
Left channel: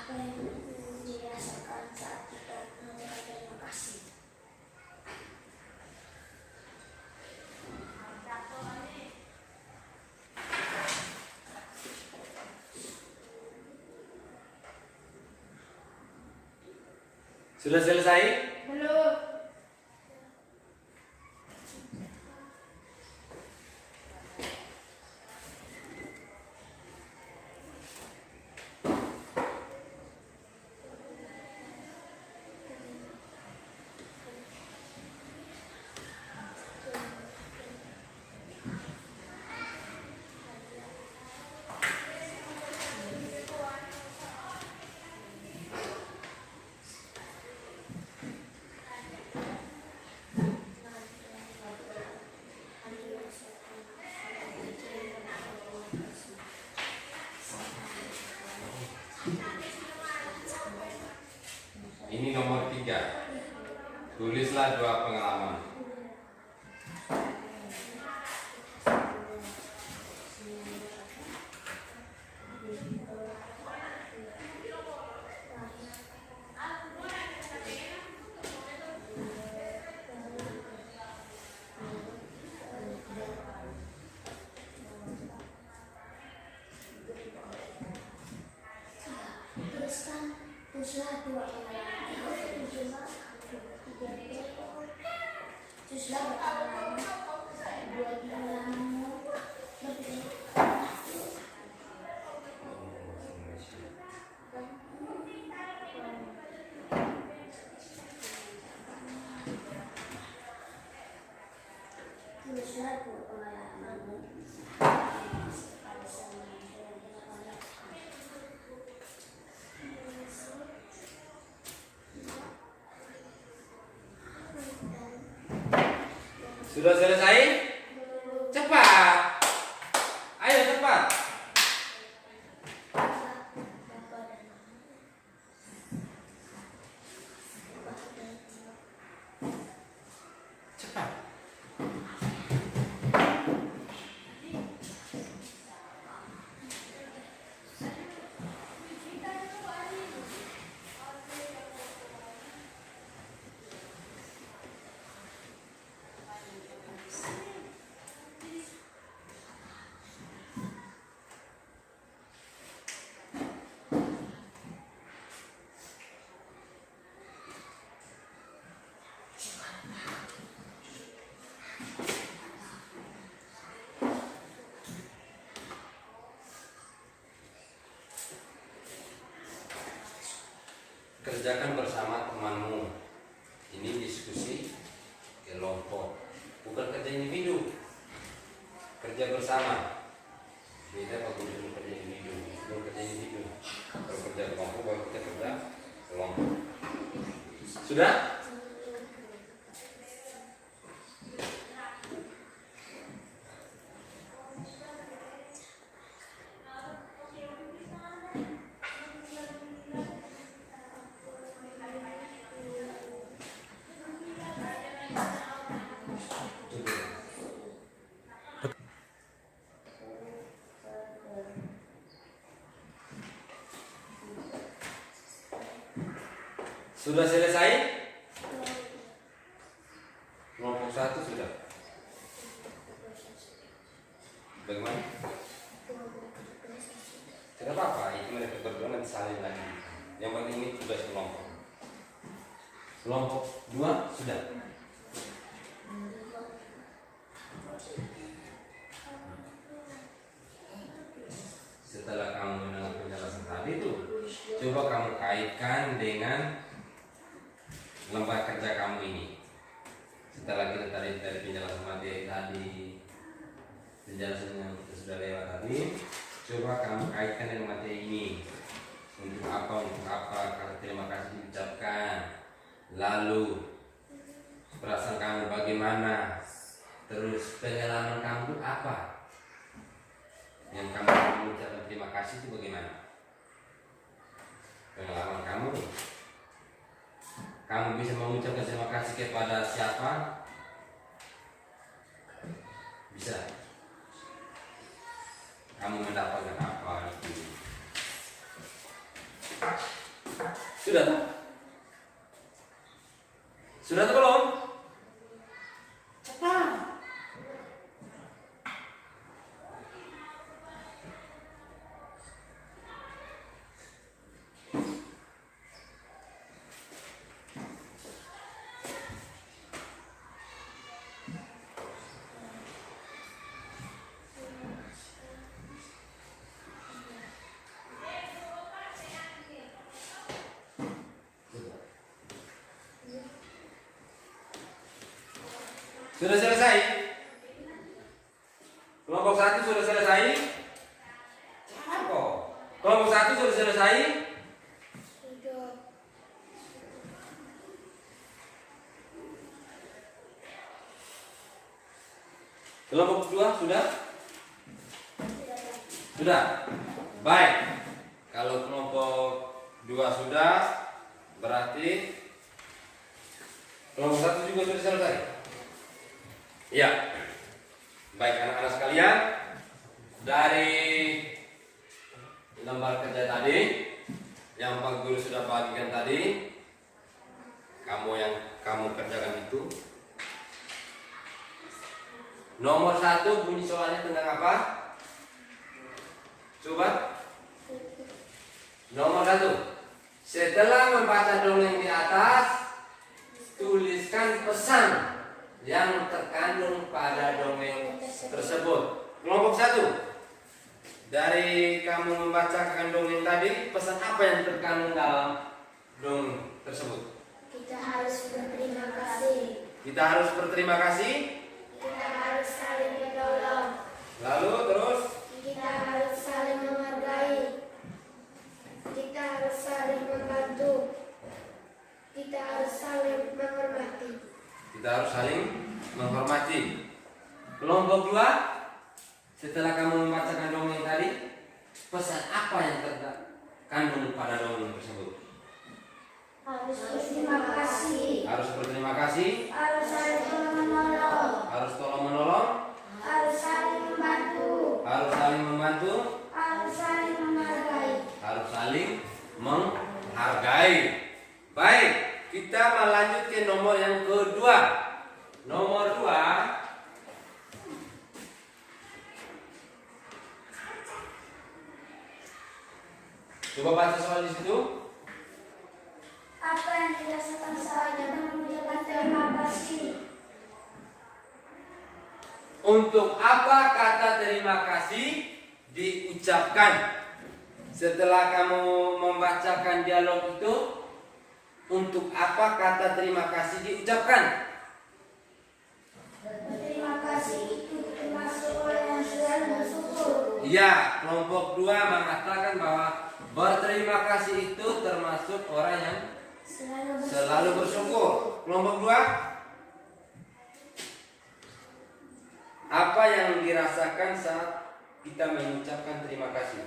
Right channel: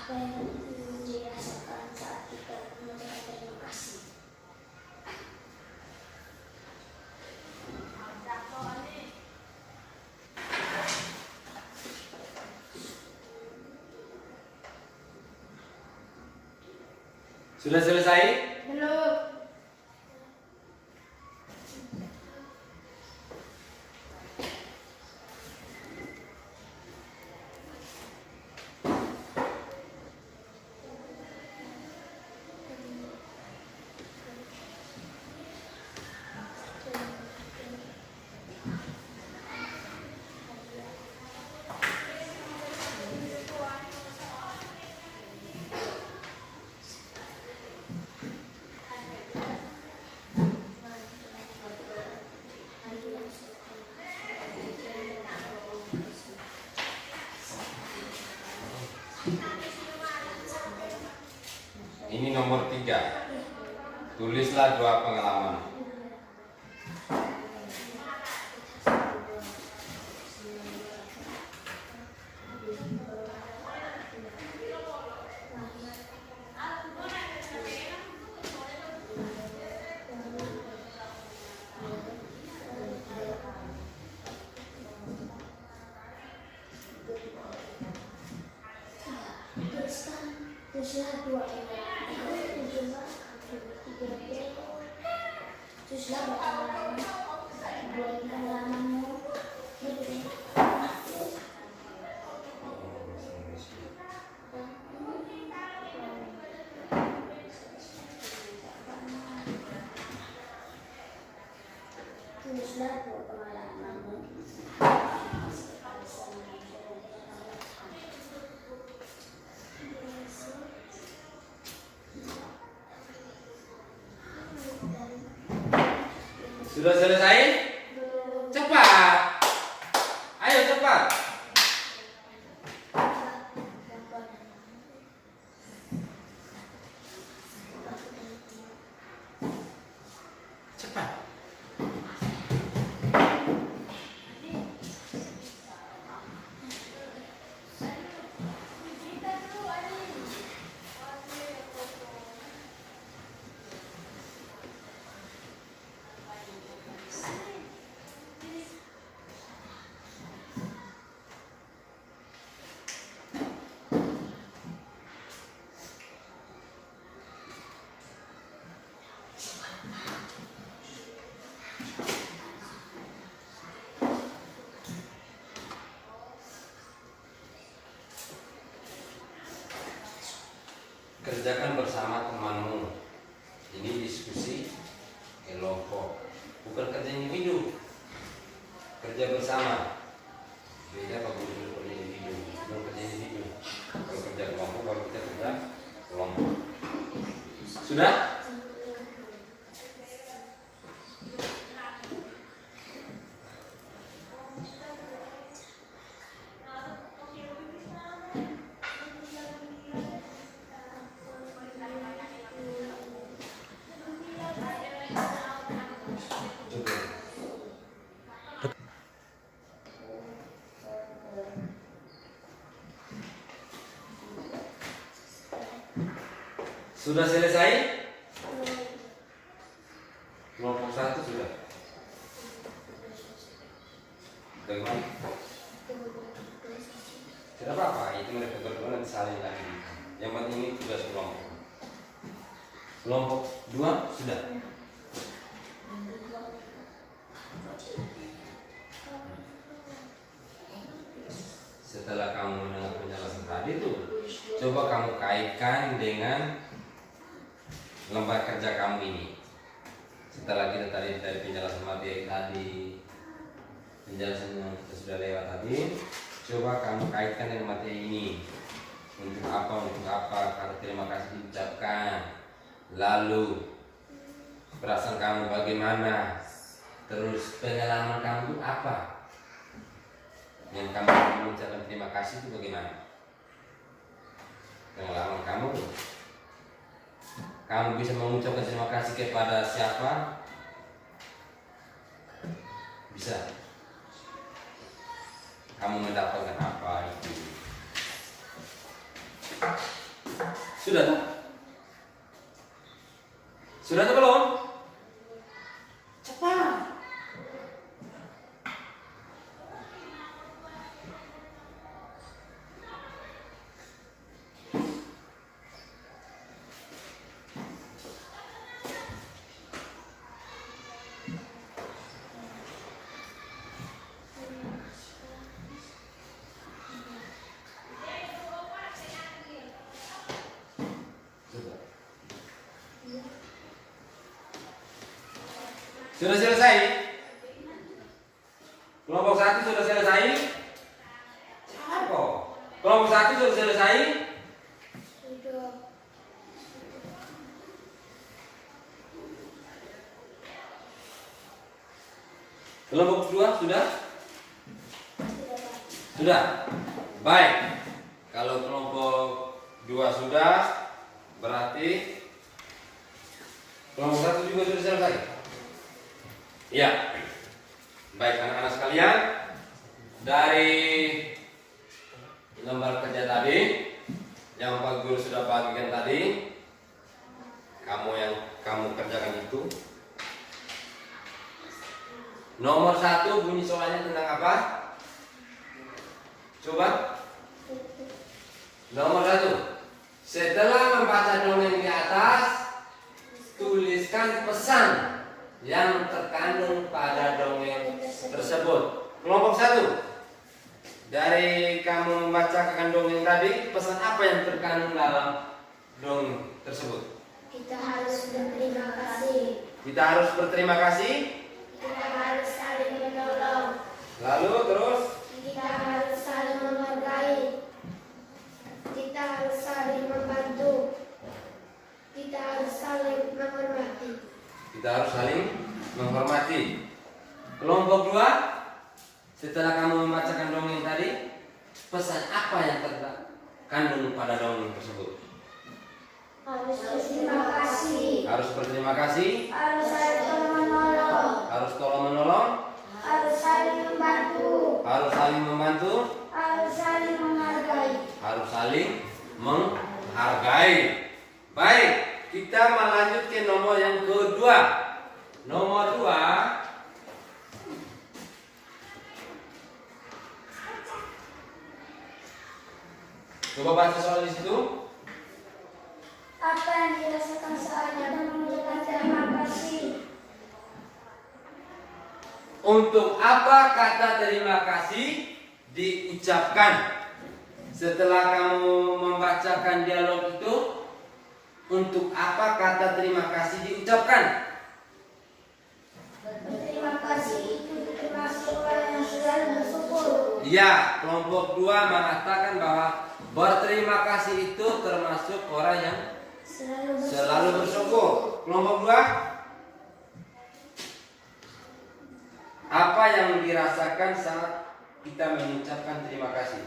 Apa yang dirasakan saat kita mengucapkan terima kasih? Sudah selesai? Belum. Ini nomor 3. Tulislah 2 pengalaman. Tulislah 2 Tulislah buat pengalamanmu. Tulislah 2 pengalamanmu. Sudah selesai? Cepat. Ayo cepat. Cepat. Kerjakan bersama temanmu. Ini diskusi kelompok, bukan kerja individu. Kerja bersama. Beda kalau kerja individu. Belum kerja individu. Kalau kerja kelompok baru kita kerja kelompok. Sudah? Sudah selesai? Kelompok 1 sudah. Bagaimana? Tidak apa-apa, itu mereka berdua nanti saling lagi. Yang penting ini tugas kelompok. Kelompok 2 sudah. Setelah kamu mendengar penjelasan tadi tuh, coba kamu kaitkan dengan lembar kerja kamu ini. Setelah kita tadi dari penjelasan materi tadi, penjelasan yang kita sudah lewat tadi, coba kamu kaitkan dengan materi ini. Untuk apa kata terima kasih diucapkan, lalu perasaan kamu bagaimana, terus pengalaman kamu itu apa, yang kamu mengucapkan terima kasih itu bagaimana, pengalaman kamu bisa mengucapkan terima kasih kepada siapa? Bisa. Kamu mendapatkan apa itu? Sudah tak? Sudah atau belum? Cepat. Sudah selesai? Kelompok 1 sudah selesai? Cepat kok. Kelompok 1 sudah selesai? Kelompok 2 sudah? Sudah? Baik. Kalau kelompok 2 sudah, berarti kelompok 1 juga sudah selesai. Ya, baik anak-anak sekalian, dari lembar kerja tadi yang Pak Guru sudah bagikan tadi, kamu kerjakan itu. Nomor 1 bunyi soalnya tentang apa? Coba. Nomor 1, setelah membaca dongeng di atas, tuliskan pesan yang terkandung pada dongeng tersebut. Kelompok 1, dari kamu membacakan dongeng tadi, pesan apa yang terkandung dalam dongeng tersebut? Kita harus berterima kasih. Kita harus berterima kasih. Kita harus saling menolong. Lalu terus? Kita harus saling menghargai. Kita harus saling membantu. Kita harus saling menghormati. Kita harus saling menghormati. perasaanmu pada dongeng tersebut? Harus berterima kasih. Harus berterima kasih. Harus saling tolong-menolong. Harus tolong menolong. Harus saling membantu. Harus saling membantu. Harus saling menghargai. Harus saling menghargai. Baik, kita melanjut ke nomor yang kedua. Nomor 2. Coba baca soal di situ. Apa yang dirasakan saat kita mengucapkan terima kasih? Untuk apa kata terima kasih diucapkan? Setelah kamu membacakan dialog itu, untuk apa kata terima kasih diucapkan? Berterima kasih itu termasuk orang yang selalu bersyukur. Ya, kelompok 2 mengatakan bahwa berterima kasih itu termasuk orang yang selalu bersyukur. Kelompok 2, apa yang dirasakan saat kita mengucapkan terima kasih?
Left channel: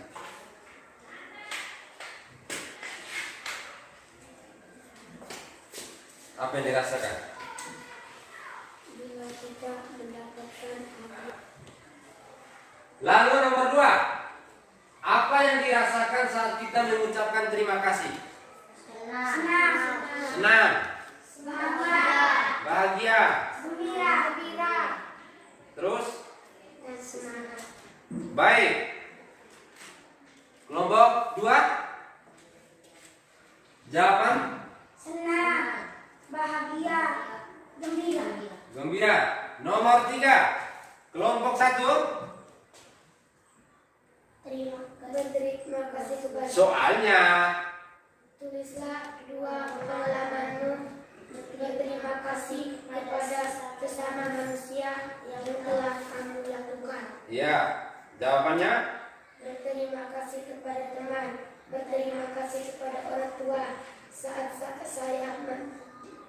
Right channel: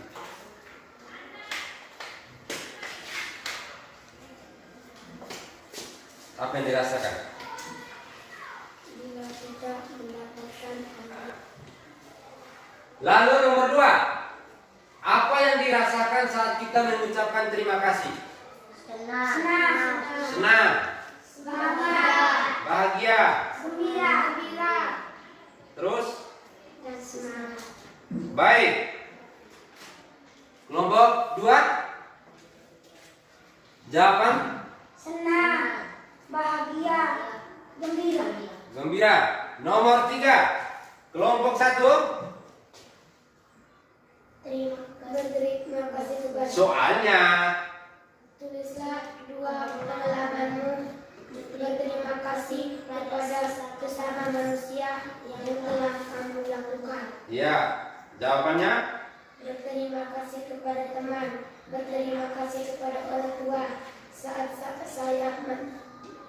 Apa yang dirasakan? Bila kita mendapatkan Lalu nomor 2, apa yang dirasakan saat kita mengucapkan terima kasih? senang, Senang, semangat, bahagia, gembira, terus dan semangat. baik. Kelompok 2, jawaban Senang, bahagia, gembira. gembira. Nomor 3, kelompok 1, Berterima kasih kepada soalnya tulislah 2 pengalamanmu. Berterima kasih kepada sesama manusia yang telah kamu lakukan. ya, jawabannya Berterima kasih kepada teman. Berterima kasih kepada orang tua saat saya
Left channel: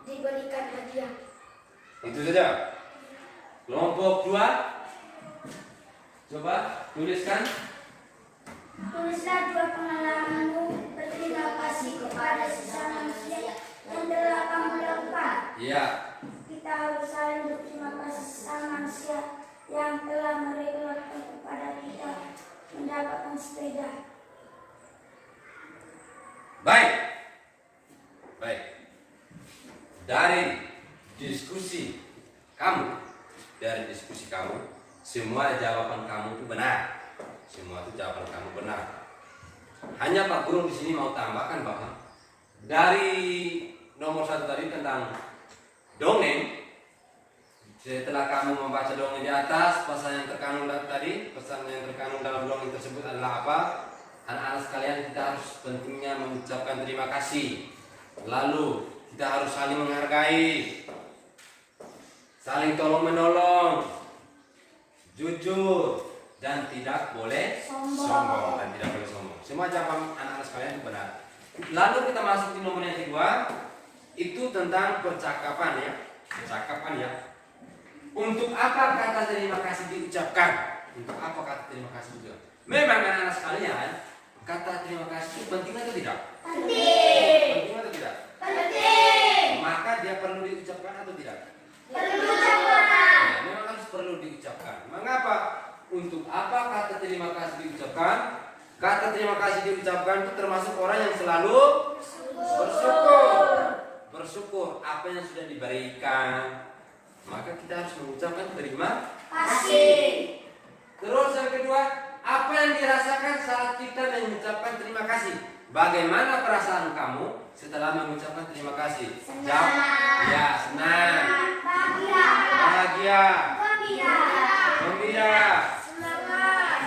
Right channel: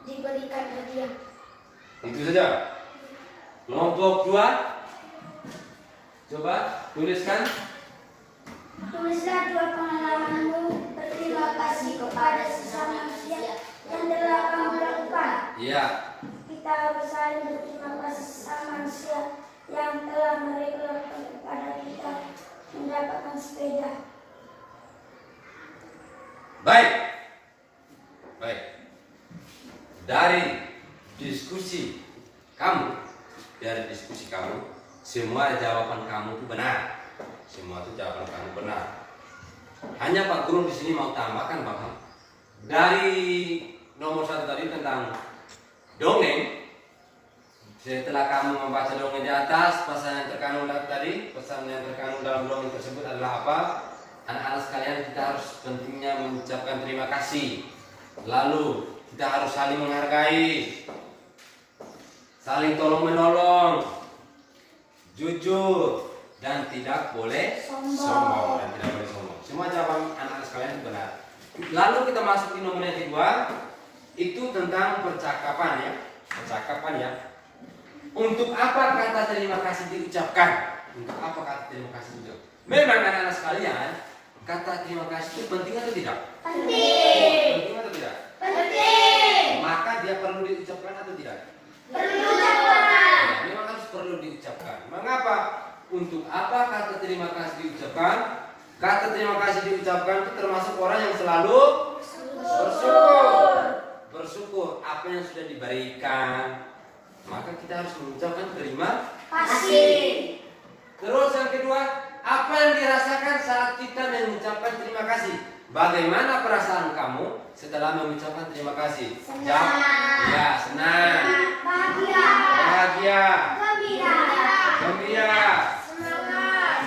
diberikan hadiah. itu saja. Kelompok 2, coba tuliskan. Tulislah 2 pengalamanmu. Berterima kasih kepada sesama manusia yang telah kamu lakukan. Ya, Kita harus saling berterima kasih sesama manusia yang telah mereka lakukan kepada kita mendapatkan sepeda. baik. Baik. Dari diskusi kamu, semua jawaban kamu itu benar. Semua itu jawaban kamu benar. Hanya Pak Guru di sini mau tambahkan bahwa dari nomor 1 tadi tentang dongeng, setelah kamu membaca dongeng di atas, pesan yang terkandung dalam dongeng tersebut adalah apa? Anak-anak sekalian, kita harus pentingnya mengucapkan terima kasih. Lalu kita harus saling menghargai, saling tolong menolong, jujur, dan tidak boleh sombong. Semua jawaban anak-anak sekalian itu benar. Lalu kita masuk di nomor yang kedua, itu tentang percakapan ya. Untuk apa kata terima kasih diucapkan? Memang anak-anak sekalian, kata terima kasih itu penting atau tidak? Penting atau tidak? Penting. Maka dia perlu diucapkan atau tidak? Perlu. Ya, memang harus perlu diucapkan. Mengapa? Untuk apa kata terima kasih diucapkan? Kata terima kasih diucapkan itu termasuk orang yang selalu bersyukur apa yang sudah diberikan. Maka kita harus mengucapkan terima Kasih. Terus yang kedua, apa yang dirasakan saat kita mengucapkan terima kasih? Bagaimana perasaan kamu setelah mengucapkan terima kasih? Senang. Jawab. Ya, senang. Bahagia. Bahagia. Gembira.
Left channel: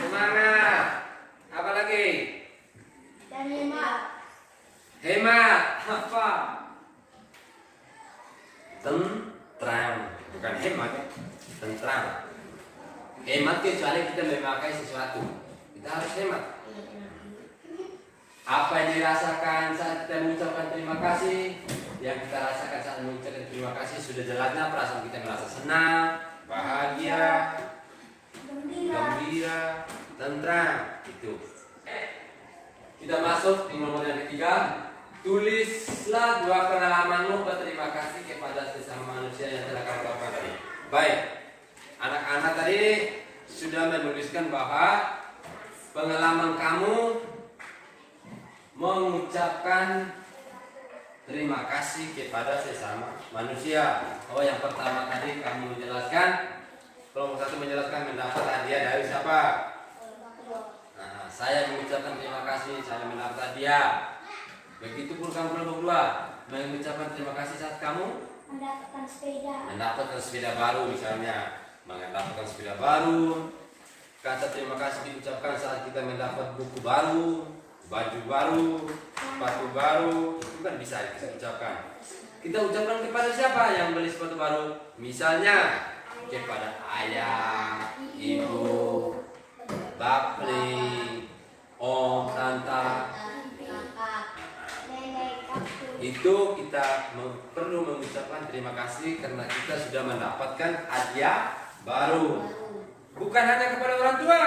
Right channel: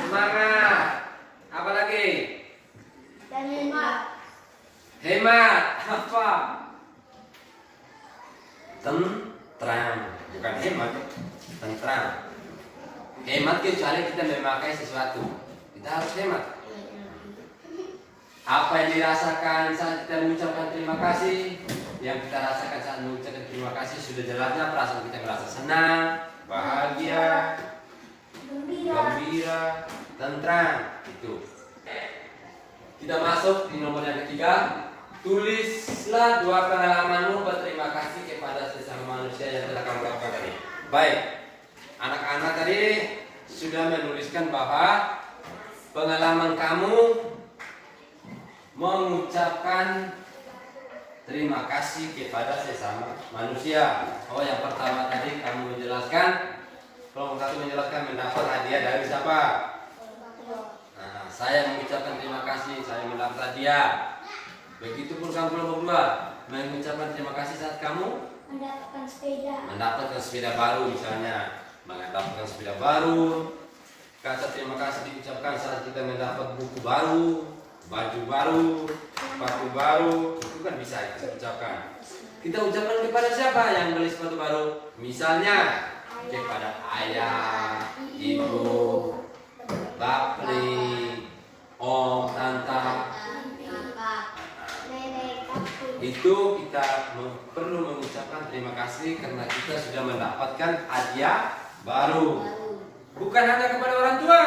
Semangat. Apa lagi? Dan hemat. Hemat. Apa? Tentram. Bukan hemat, tentram. Hemat kecuali kita memakai sesuatu. Kita harus hemat. Apa yang dirasakan saat kita mengucapkan terima kasih? Yang kita rasakan saat mengucapkan terima kasih sudah jelasnya perasaan kita merasa senang, bahagia, gembira, tentram. Itu. Kita masuk di nomor yang ketiga. Tulislah 2 pengalamanmu berterima kasih kepada sesama manusia yang telah kamu lakukan tadi. Baik, anak-anak tadi sudah menuliskan bahwa pengalaman kamu mengucapkan terima kasih kepada sesama manusia. Oh, yang pertama tadi kamu menjelaskan, kelompok 1 menjelaskan mendapat hadiah dari siapa? Nah, saya mengucapkan terima kasih, saya mendapat hadiah. Begitupun kamu kelompok 2 mengucapkan terima kasih saat kamu mendapatkan sepeda baru, misalnya mendapatkan sepeda baru. Kata terima kasih diucapkan saat kita mendapat buku baru, baju baru, sepatu baru, itu kan bisa kita ucapkan. Kita ucapkan kepada siapa yang beli sepatu baru? Misalnya kepada ayah, ibu, bapling, om, tante. Itu kita perlu mengucapkan terima kasih karena kita sudah mendapatkan hadiah baru. Bukan hanya kepada orang tua,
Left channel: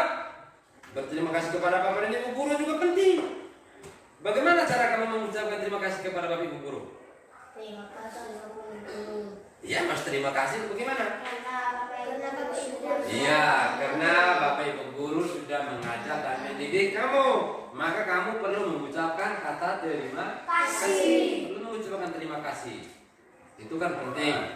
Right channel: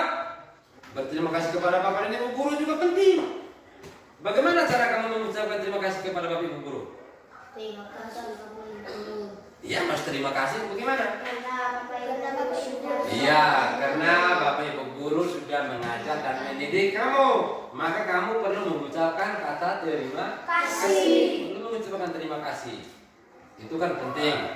berterima kasih kepada bapak dan ibu guru juga penting. Bagaimana cara kamu mengucapkan terima kasih kepada bapak ibu guru? Terima kasih Bapak Ibu. Iya, mas terima kasih itu bagaimana? Karena Bapak Ibu sudah. Iya, karena bapak ibu guru sudah mengajar dan mendidik kamu, maka kamu perlu mengucapkan kata terima kasih. Perlu mengucapkan terima kasih. Itu kan penting.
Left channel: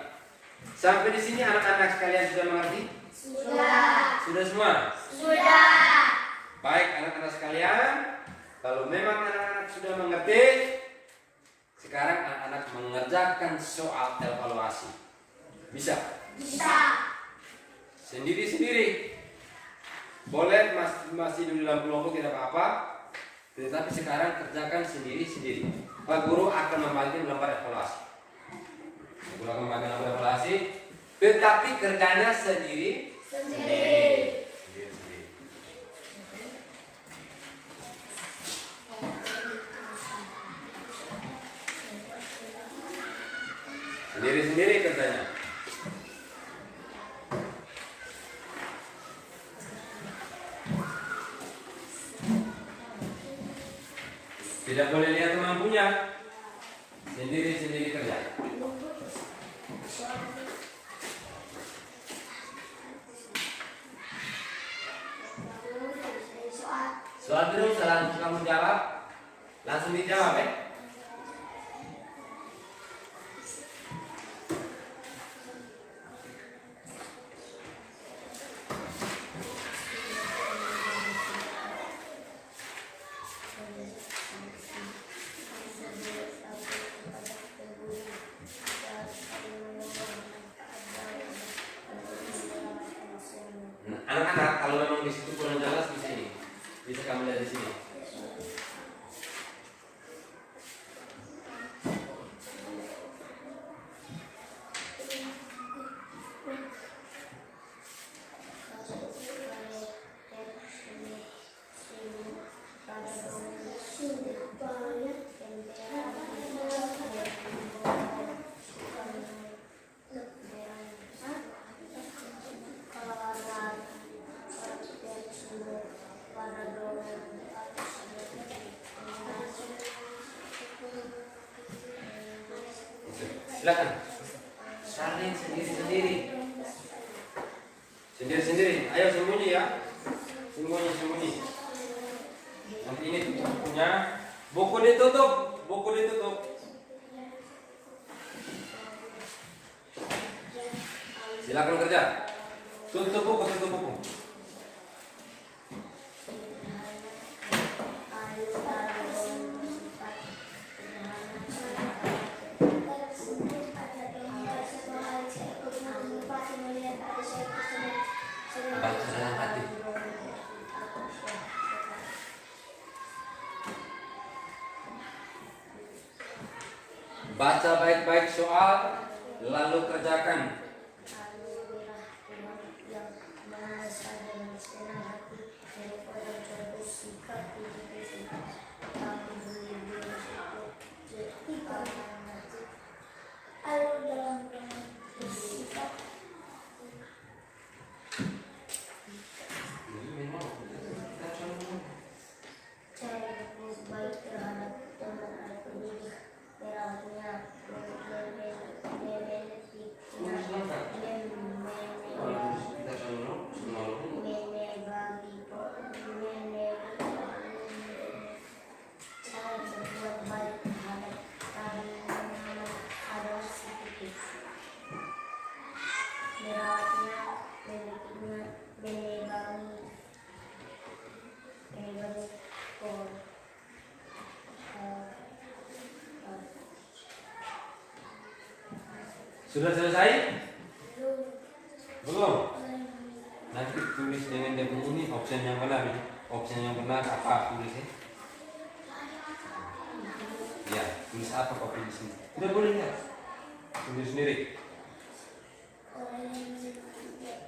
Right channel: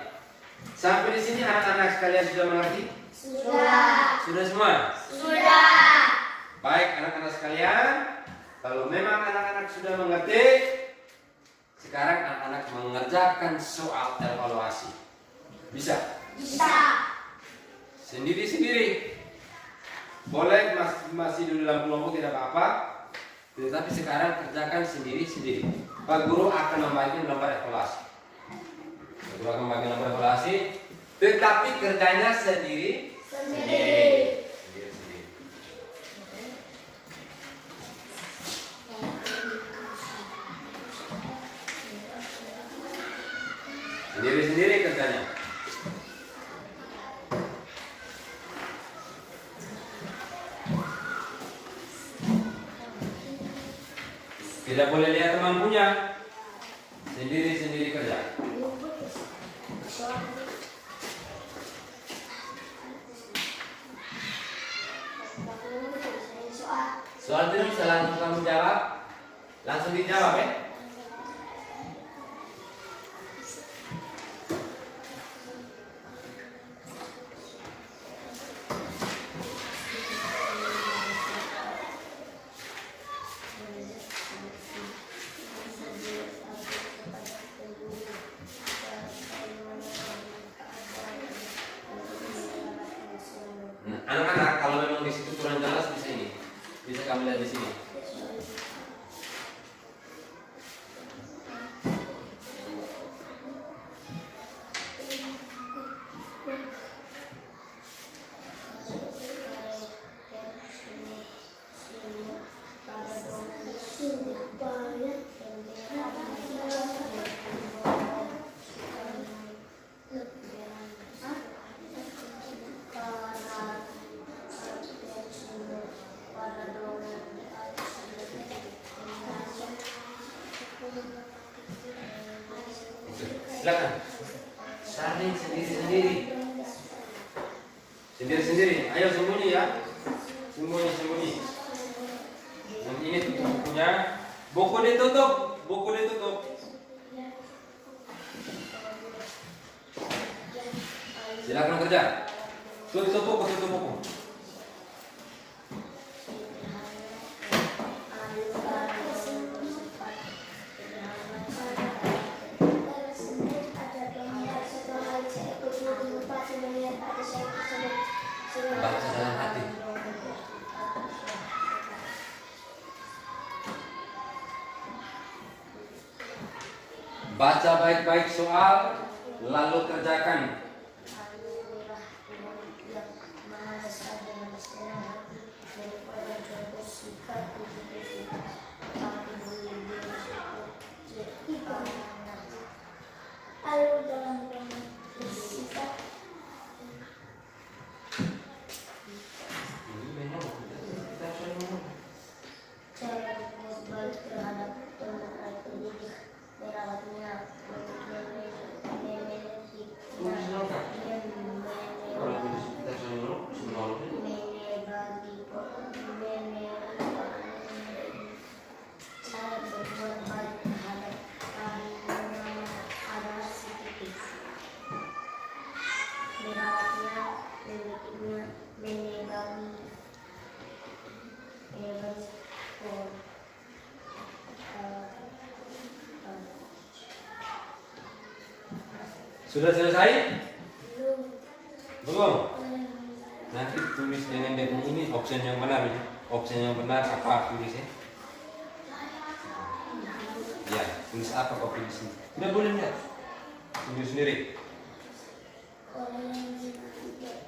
Sampai di sini anak-anak sekalian sudah mengerti? Sudah. Sudah semua? Sudah. Baik anak-anak sekalian, kalau memang anak-anak sudah mengerti, sekarang anak-anak mengerjakan soal evaluasi. Bisa? Bisa. Sendiri-sendiri. Boleh masih di dalam kelompok tidak apa-apa, tetapi sekarang kerjakan sendiri-sendiri. Pak Guru akan membagi gambar evaluasi. Pak Guru akan membagi gambar evaluasi, tetapi kerjanya sendiri. Sendiri-sendiri. Sendiri-sendiri kerjanya. Tidak boleh lihat teman punya. Sendiri-sendiri kerja. Soal itu bisa langsung kamu jawab. Langsung dijawab ya. Anak-anak kalau memang di situ kurang jelas bisa ini, bisa kamu lihat di sini. Silakan. Saling sendiri-sendiri. Sendiri-sendiri. Ayo sembunyi ya. Sembunyi. Nanti ini tutup bukunya. Buku ditutup. Silakan kerja. Tutup buku. Baca dalam hati. Baca baik-baik soal, lalu kerjakan. Sudah selesai? Belum? Nanti tulis dengan dia punya ini option yang benar. Option yang benar apa tulisnya? Ya, tulis apa kau tulis ini? Tidak boleh enggak? Tulis sendiri. Orang yang tidak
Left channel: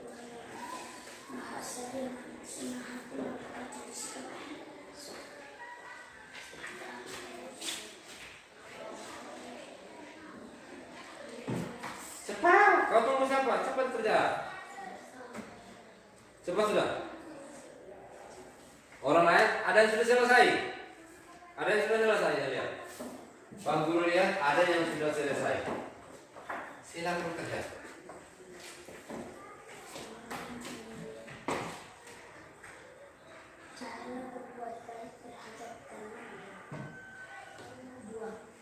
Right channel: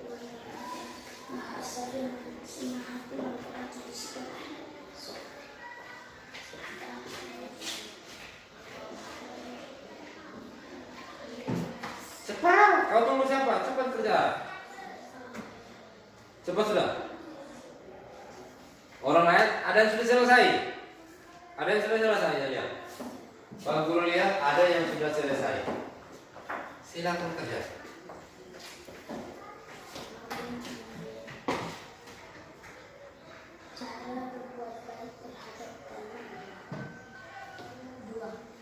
Maha Sering, Maha Pengampun, Cepat, kau tunggu siapa? Cepat kerja. Cepat sudah. Orang lain ada yang sudah selesai. Ada yang sudah selesai ya lihat. Pak Guru lihat ada yang sudah selesai. Silakan kerja. cara berbuat baik terhadap teman. 2.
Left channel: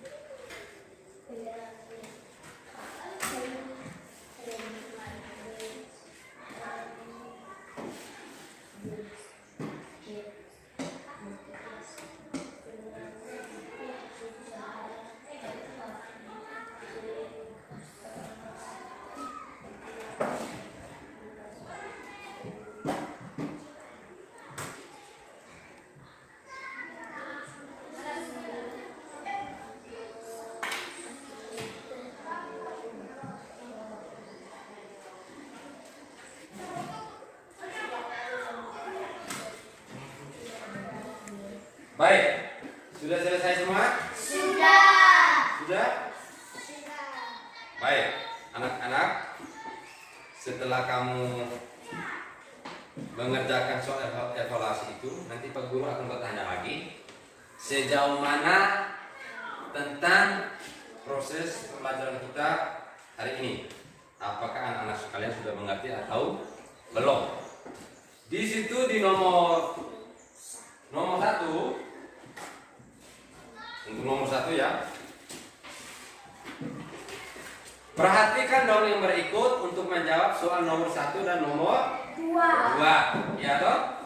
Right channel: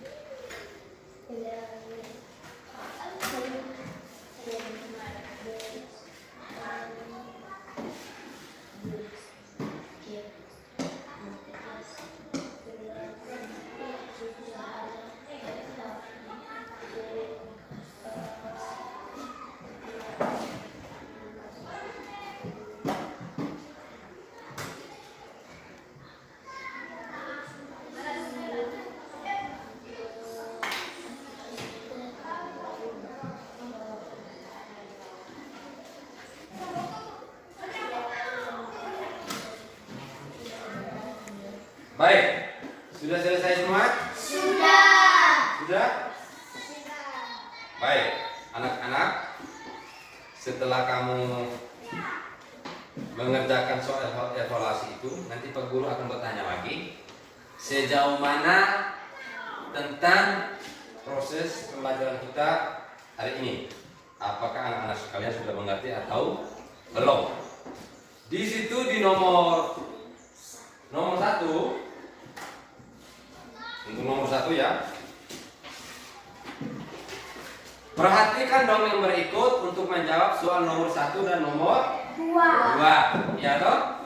Baik, sudah selesai semua? Sudah? Baik, anak-anak, setelah kamu mengerjakan soal evaluasi itu, nanti Pak Guru akan bertanya lagi sejauh mana tentang proses pembelajaran kita hari ini. Apakah anak-anak sekalian sudah mengerti atau belum? Di situ di nomor 1, untuk nomor 1 ya. Perhatikan dongeng berikut untuk menjawab soal nomor 1 dan nomor 2. Ya toh?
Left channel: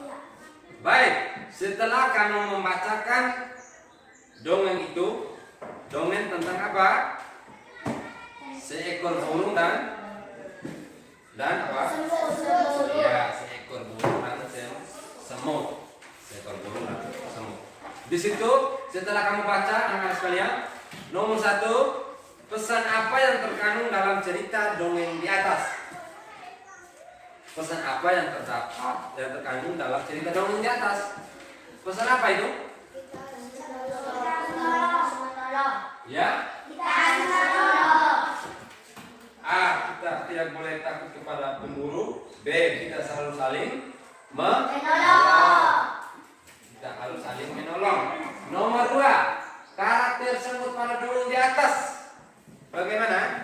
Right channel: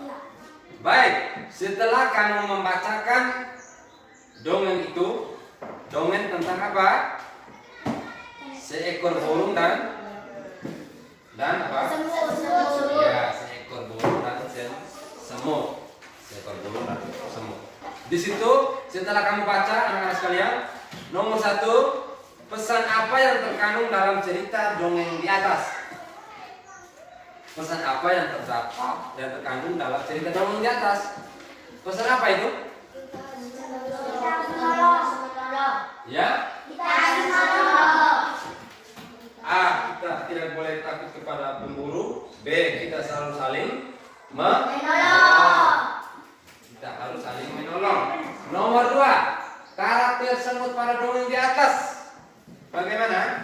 Baik, setelah kamu membacakan dongeng itu, dongeng tentang apa? Seekor burung dan apa? Ya, seekor burung dan semut. Seekor burung dan semut. Di situ setelah kamu baca anak-anak sekalian, nomor 1, pesan apa yang terkandung dalam cerita dongeng di atas? Pesan apa yang terkandung dalam cerita dongeng di atas? Pesan apa itu? Ya? A. Kita tidak boleh takut kepada pemburu. B. Kita selalu saling menolong. Kita harus saling menolong. Nomor 2, karakter semut pada dongeng di atas bagaimana?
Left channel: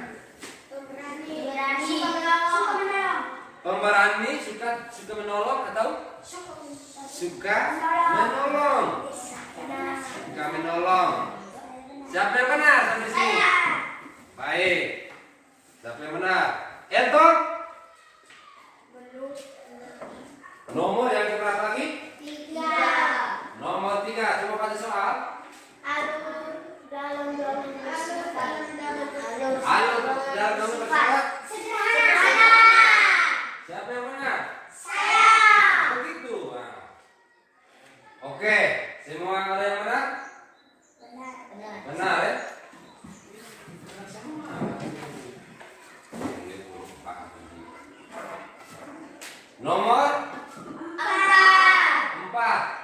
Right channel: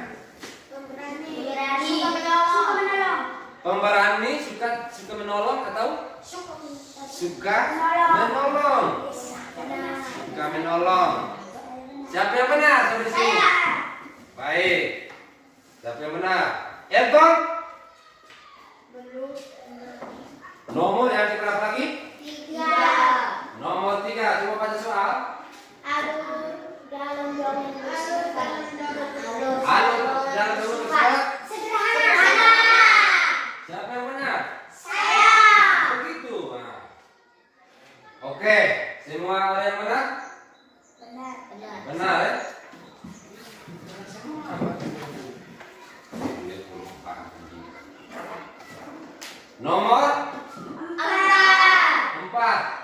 Pemberani, suka menolong atau suka menolong? Suka menolong. Siapa yang benar sampai sini? Baik. Siapa yang benar? Elton? Nomor yang berapa lagi? 3. Nomor 3, coba baca soal. Alur dalam dongeng bersifat Alur dalam dongeng bersifat sederhana. Siapa yang benar? Saya. Begitu. Nah. Oke, semua ada yang benar? Benar. Benar ya? Nomor 4.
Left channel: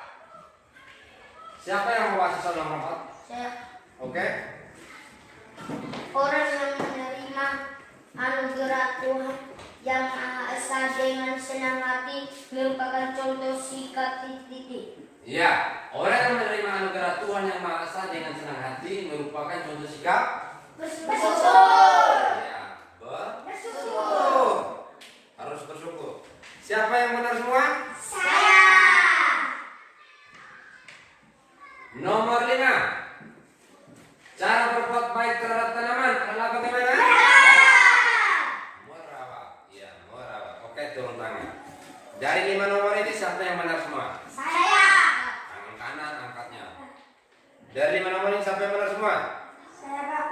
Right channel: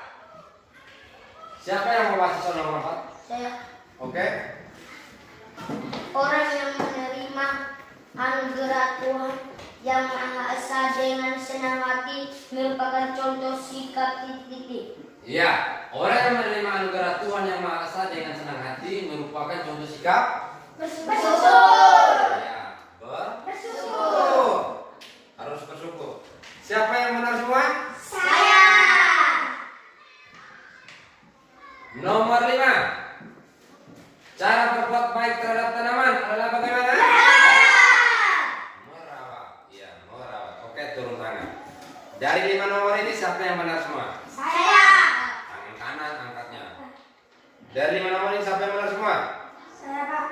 Siapa yang membaca soal nomor 4? Saya. Oke. Orang yang menerima anugerah Tuhan yang Maha Esa dengan senang hati merupakan contoh sikap titik-titik. Iya, orang yang menerima anugerah Tuhan yang Maha Esa dengan senang hati merupakan contoh sikap Bersyukur. ya, Bersyukur. harus bersyukur. Siapa yang benar semua? Saya. Nomor 5. Cara berbuat baik terhadap tanaman adalah bagaimana? Merawat. Iya, merawat. Oke, turun tangan. Dari 5 nomor ini siapa yang benar semua? Saya. Tangan kanan angkatnya. Dari 5 nomor ini siapa yang benar semua? Saya, Pak.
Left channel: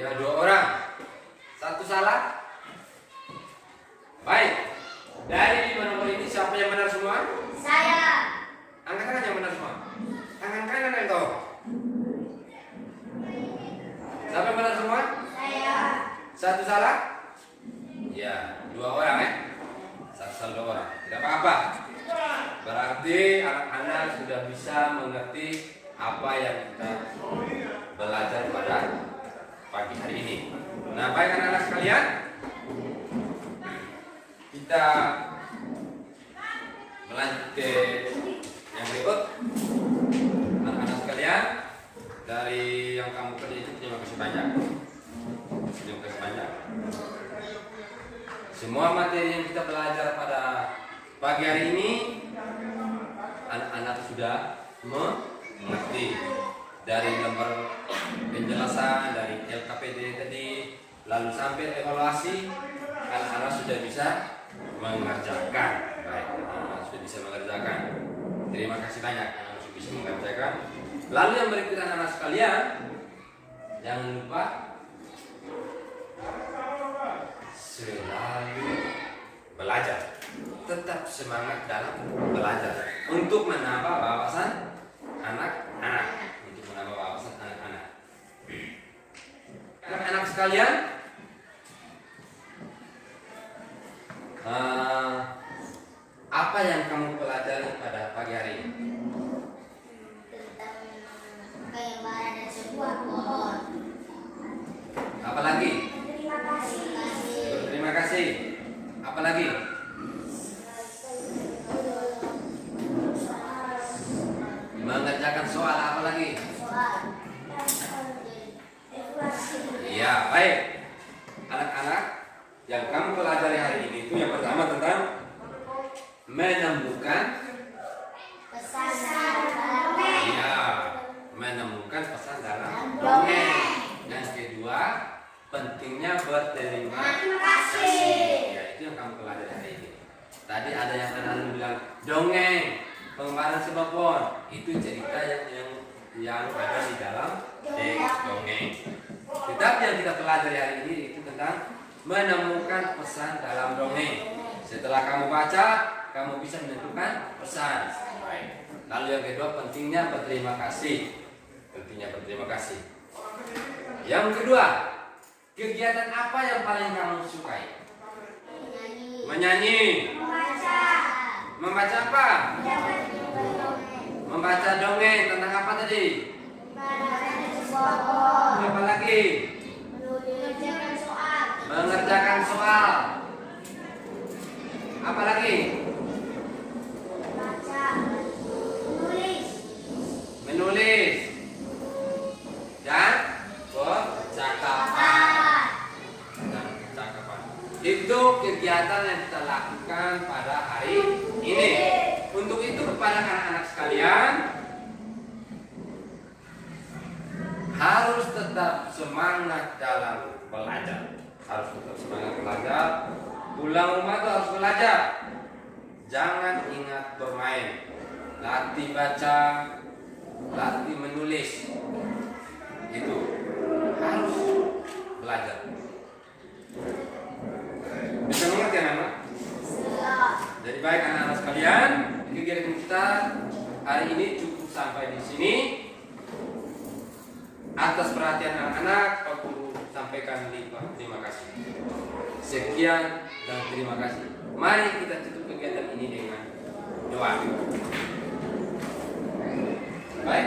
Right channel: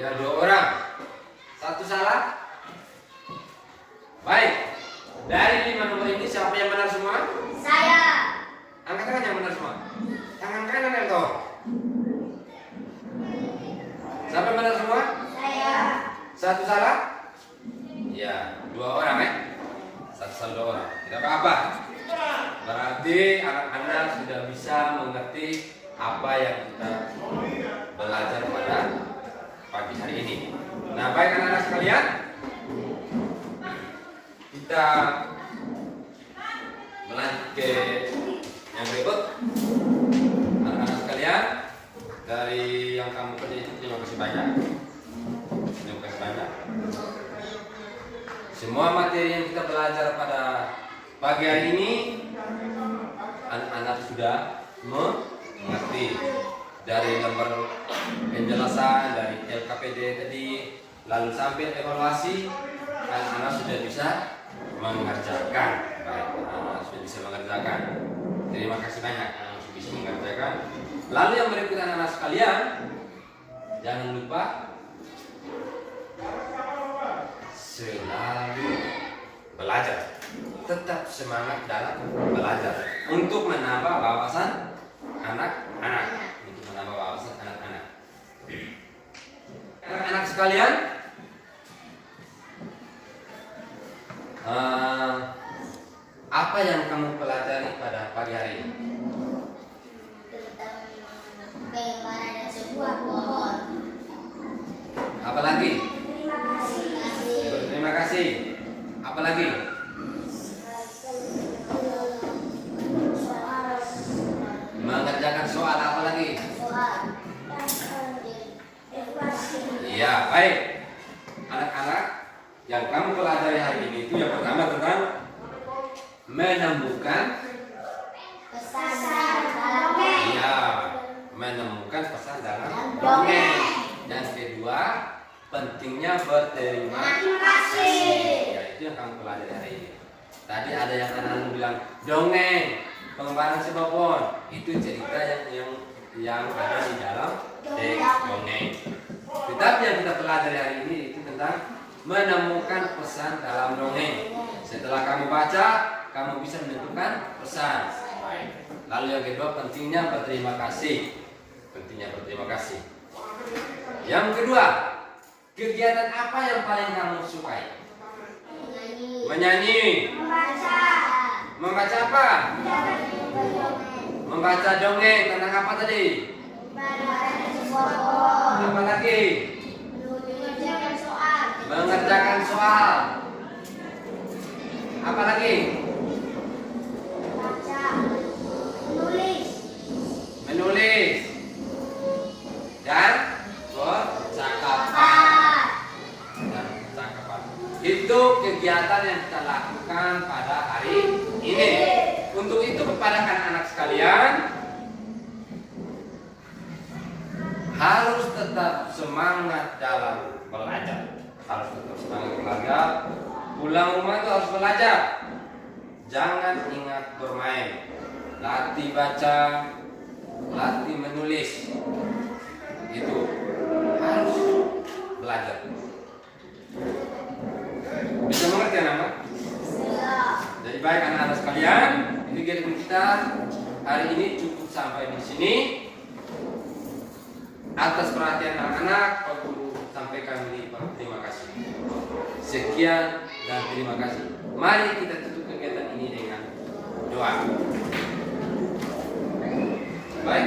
Ya, 2 orang. Satu salah. Baik. Dari 5 nomor ini siapa yang benar semua? Saya. Angkat tangan yang benar semua. Tangan kanan yang tahu. Siapa yang benar semua? Saya. Satu salah? Ya, 2 orang ya. Satu salah 2 orang. Tidak apa-apa. Berarti anak-anak sudah bisa mengerti apa yang kita belajar pada pagi hari ini. Nah, baik anak-anak sekalian, kita melanjut ke yang berikut. Anak-anak sekalian, dari yang kamu kerja itu terima kasih banyak. Terima kasih banyak. Semua materi yang kita belajar pada pagi hari ini, anak-anak sudah mengerti. Dari nomor penjelasan, dari LKPD tadi, lalu sampai evaluasi, anak-anak sudah bisa mengerjakan. Baik, anak-anak sudah bisa mengerjakan. Terima kasih banyak, anak-anak sudah bisa mengerjakan. Lalu yang berikut anak-anak sekalian, jangan lupa selalu belajar. Tetap semangat dalam belajar untuk menambah wawasan anak-anak. Untuk menambah wawasan anak-anak. Anak-anak sekalian, apa yang kamu pelajari pada pagi hari ini? Tentang pengembaraan sebuah pohon. Apa lagi? Terima kasih. Terima kasih. Apa lagi? Mengerjakan soal. Apa lagi? Soal. Evaluasi. Iya, baik. Anak-anak, yang kamu pelajari hari ini itu yang pertama tentang menemukan. Pesan dalam dongeng. Iya, menemukan pesan dalam Dongeng. dongeng. Yang kedua, pentingnya berterima Terima kasih. Ya, itu yang kamu pelajari hari ini. Tadi ada yang anak-anak bilang dongeng, pengembaraan sebuah pohon. Itu cerita yang ada di dalam teks dongeng. Tetapi yang kita pelajari hari ini itu tentang menemukan pesan dalam dongeng. Setelah kamu baca, kamu bisa menentukan pesan. Lalu yang kedua, pentingnya berterima kasih. Pentingnya berterima kasih. Yang kedua, kegiatan apa yang paling kamu sukai? Menyanyi. Membaca. Membaca apa? Mendapat dongeng. Membaca dongeng tentang apa tadi? Pengembaraan sebuah pohon. Apa lagi? Mengerjakan soal. Mengerjakan soal. Apa lagi? Baca. Menulis. Menulis. Dan percakapan. Dan percakapan. Itu kegiatan yang kita lakukan pada hari ini. Untuk itu kepada anak-anak sekalian, harus tetap semangat dalam belajar. Harus tetap semangat belajar. Pulang rumah itu harus belajar. Jangan ingat bermain. Latih baca, latih menulis. Itu harus belajar. Bisa mengerti anak-anak? Jadi baik anak-anak sekalian, kegiatan kita hari ini cukup sampai di sini. Atas perhatian anak-anak, Pak Guru sampaikan terima kasih. Sekian dan terima kasih. Mari kita tutup kegiatan ini dengan doa. Baik,